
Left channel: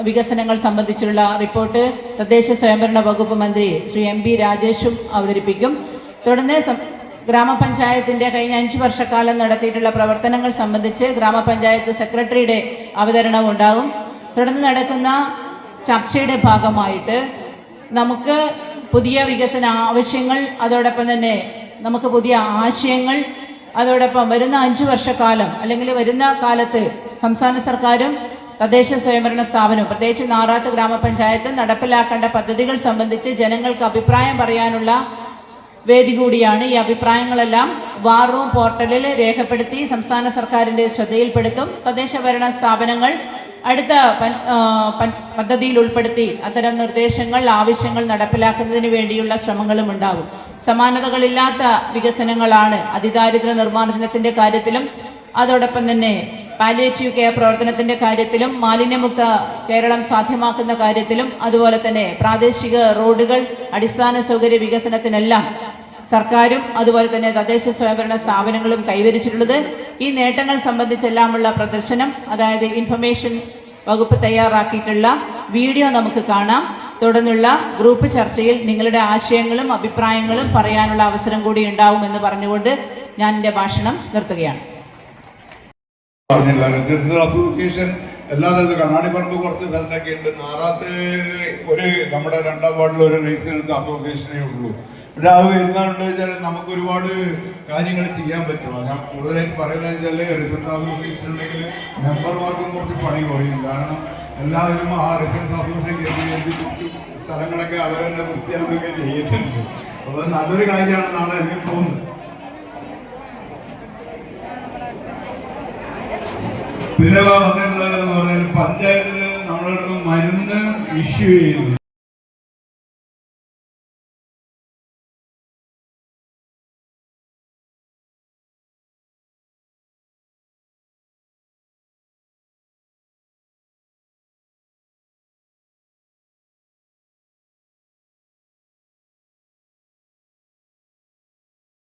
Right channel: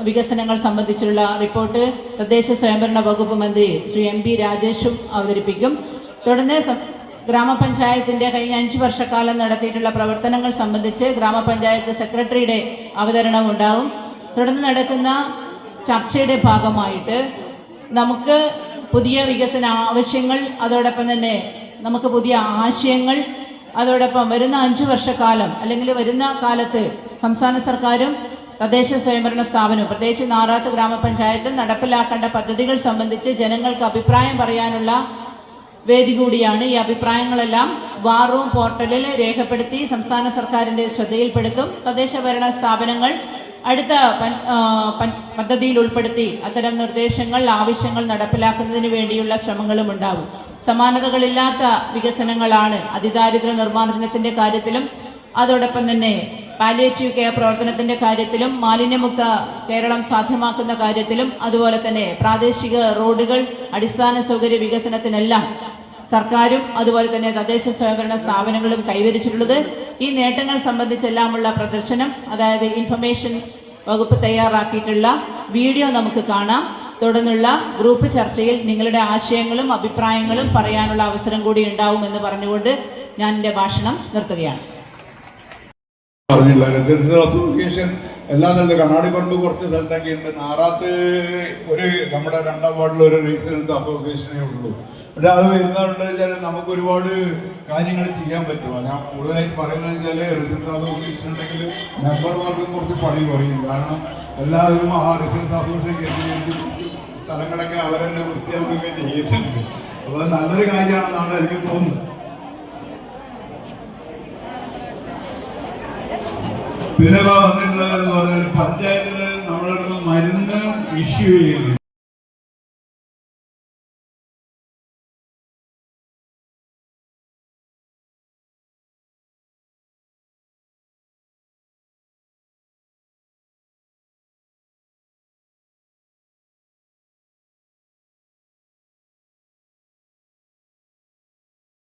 വികസനങ്ങൾ സംബന്ധിച്ചുള്ള റിപ്പോർട്ട് തദ്ദേശ സ്വയംഭരണ വകുപ്പ് മന്ത്രി ശ്രീ MP രാജേഷും അവതരിപ്പിക്കും. തുടർന്ന് ഗ്രാമപഞ്ചായത്തിൻ്റെ കഴിഞ്ഞ 5 വർഷക്കാലം നടത്തിയിട്ടുള്ള പ്രവർത്തനങ്ങൾ സംബന്ധിച്ച് ഗ്രാമപഞ്ചായത്ത് സെക്രട്ടറിയുടെ അവതരണവും ഉണ്ടാകും. തുടർന്ന് നടക്കുന്ന ചർച്ചയുടെ ഭാഗമായിട്ട് നമുക്ക് പുതിയ വികസന ആവശ്യങ്ങൾ, അതോടൊപ്പം തന്നെ നമുക്ക് പുതിയ ആശയങ്ങൾ, അതോടൊപ്പം വരുന്ന 5 വർഷക്കാലം അല്ലെങ്കിൽ വരുന്ന കാലത്ത് സംസ്ഥാന സർക്കാരും തദ്ദേശ സ്വയംഭരണ സ്ഥാപനവും പ്രത്യേകിച്ച് നാറാത്ത് ഗ്രാമപഞ്ചായത്ത് നടപ്പിലാക്കേണ്ട പദ്ധതികൾ സംബന്ധിച്ച് ജനങ്ങൾക്ക് അഭിപ്രായം പറയാനുള്ള വേദി കൂടിയാണ്. ഈ അഭിപ്രായങ്ങളെല്ലാം വാർ റൂം പോർട്ടലിൽ രേഖപ്പെടുത്തി സംസ്ഥാന സർക്കാരിൻ്റെ ശ്രദ്ധയിൽപ്പെടുത്തും. തദ്ദേശ ഭരണ സ്ഥാപനങ്ങൾ അടുത്ത പദ്ധതിയിൽ ഉൾപ്പെടുത്തി അത്തരം നിർദ്ദേശങ്ങൾ, ആവശ്യങ്ങൾ നടപ്പിലാക്കുന്നതിന് വേണ്ടിയുള്ള ശ്രമങ്ങളും ഉണ്ടാവും. സമാനതകളില്ലാത്ത വികസനങ്ങളാണ് അതിദാരിദ്ര്യ നിർമ്മാർജ്ജനത്തിൻ്റെ കാര്യത്തിലും അതോടൊപ്പം തന്നെ പാലിയേറ്റീവ് കെയർ പ്രവർത്തനത്തിൻ്റെ കാര്യത്തിലും മാലിന്യമുക്ത കേരളം സാധ്യമാക്കുന്ന കാര്യത്തിലും അതുപോലെ തന്നെ പ്രാദേശിക റോഡുകൾ, അടിസ്ഥാന സൗകര്യ വികസനത്തിനെല്ലാം സർക്കാരും അതുപോലെ തന്നെ തദ്ദേശ സ്വയംഭരണ സ്ഥാപനങ്ങളും കൈവരിച്ചിട്ടുള്ളത്. ഈ നേട്ടങ്ങൾ സംബന്ധിച്ചെല്ലാമുള്ള പ്രദർശനം, അതായത് ഇൻഫർമേഷൻ വകുപ്പ് തയ്യാറാക്കിയിട്ടുള്ള വീഡിയോ നമുക്ക് കാണാം. തുടർന്നുള്ള ഗ്രൂപ്പ് ചർച്ചയിൽ നിങ്ങളുടെ ആശയങ്ങളും അഭിപ്രായങ്ങളും പറയാനുള്ള അവസരം കൂടി ഉണ്ടാവുമെന്ന് പറഞ്ഞുകൊണ്ട് ഞാൻ എൻ്റെ ഭാഷണം നിർത്തുകയാണ്. അസോസിയേഷൻ എല്ലാ സ്ഥലത്തും കണ്ണാടിപ്പറമ്പ് കുറച്ച് സ്ഥലത്തൊക്കെ ഉണ്ട്. നാറാത്ത് നമ്മുടെ 2ാം വാർഡിൽ ഒരു റീസണൽസ് അസോസിയേഷനേ ഉള്ളൂ. പക്ഷെ അത് വരുന്നതുകൊണ്ട് വെച്ചാൽ നമുക്ക് ഒരുപാട് കാര്യങ്ങൾ ചെയ്യാൻ പറ്റും. ഞാൻ കൂടുതലായിട്ട് പറയുന്നത് വെച്ചാൽ റിസൾട്ട് അസോസിയേഷൻ ഉണ്ടെങ്കിൽ മെമ്പർമാർക്കും കുറച്ച് പണി കുറയും. കാരണം എല്ലാവരും ആ റിസൾട്ട് അസോസിയേഷൻ കേന്ദ്രീകരിച്ച് കുറച്ച് സ്ഥലങ്ങളൊക്കെ അവരെന്നെ വൃത്തിയാക്കുകയൊക്കെ ചെയ്യുന്നുണ്ട്. അപ്പോൾ നല്ലൊരു കാര്യമാണെന്നാണ് എനിക്ക് തോന്നുന്നത്. പിന്നെ വന്നിട്ടുള്ളത് പഞ്ചായത്തിൽ നമ്മളടുത്ത് മരുന്ന് ഇഷ്യൂ ചെയ്യുന്നു.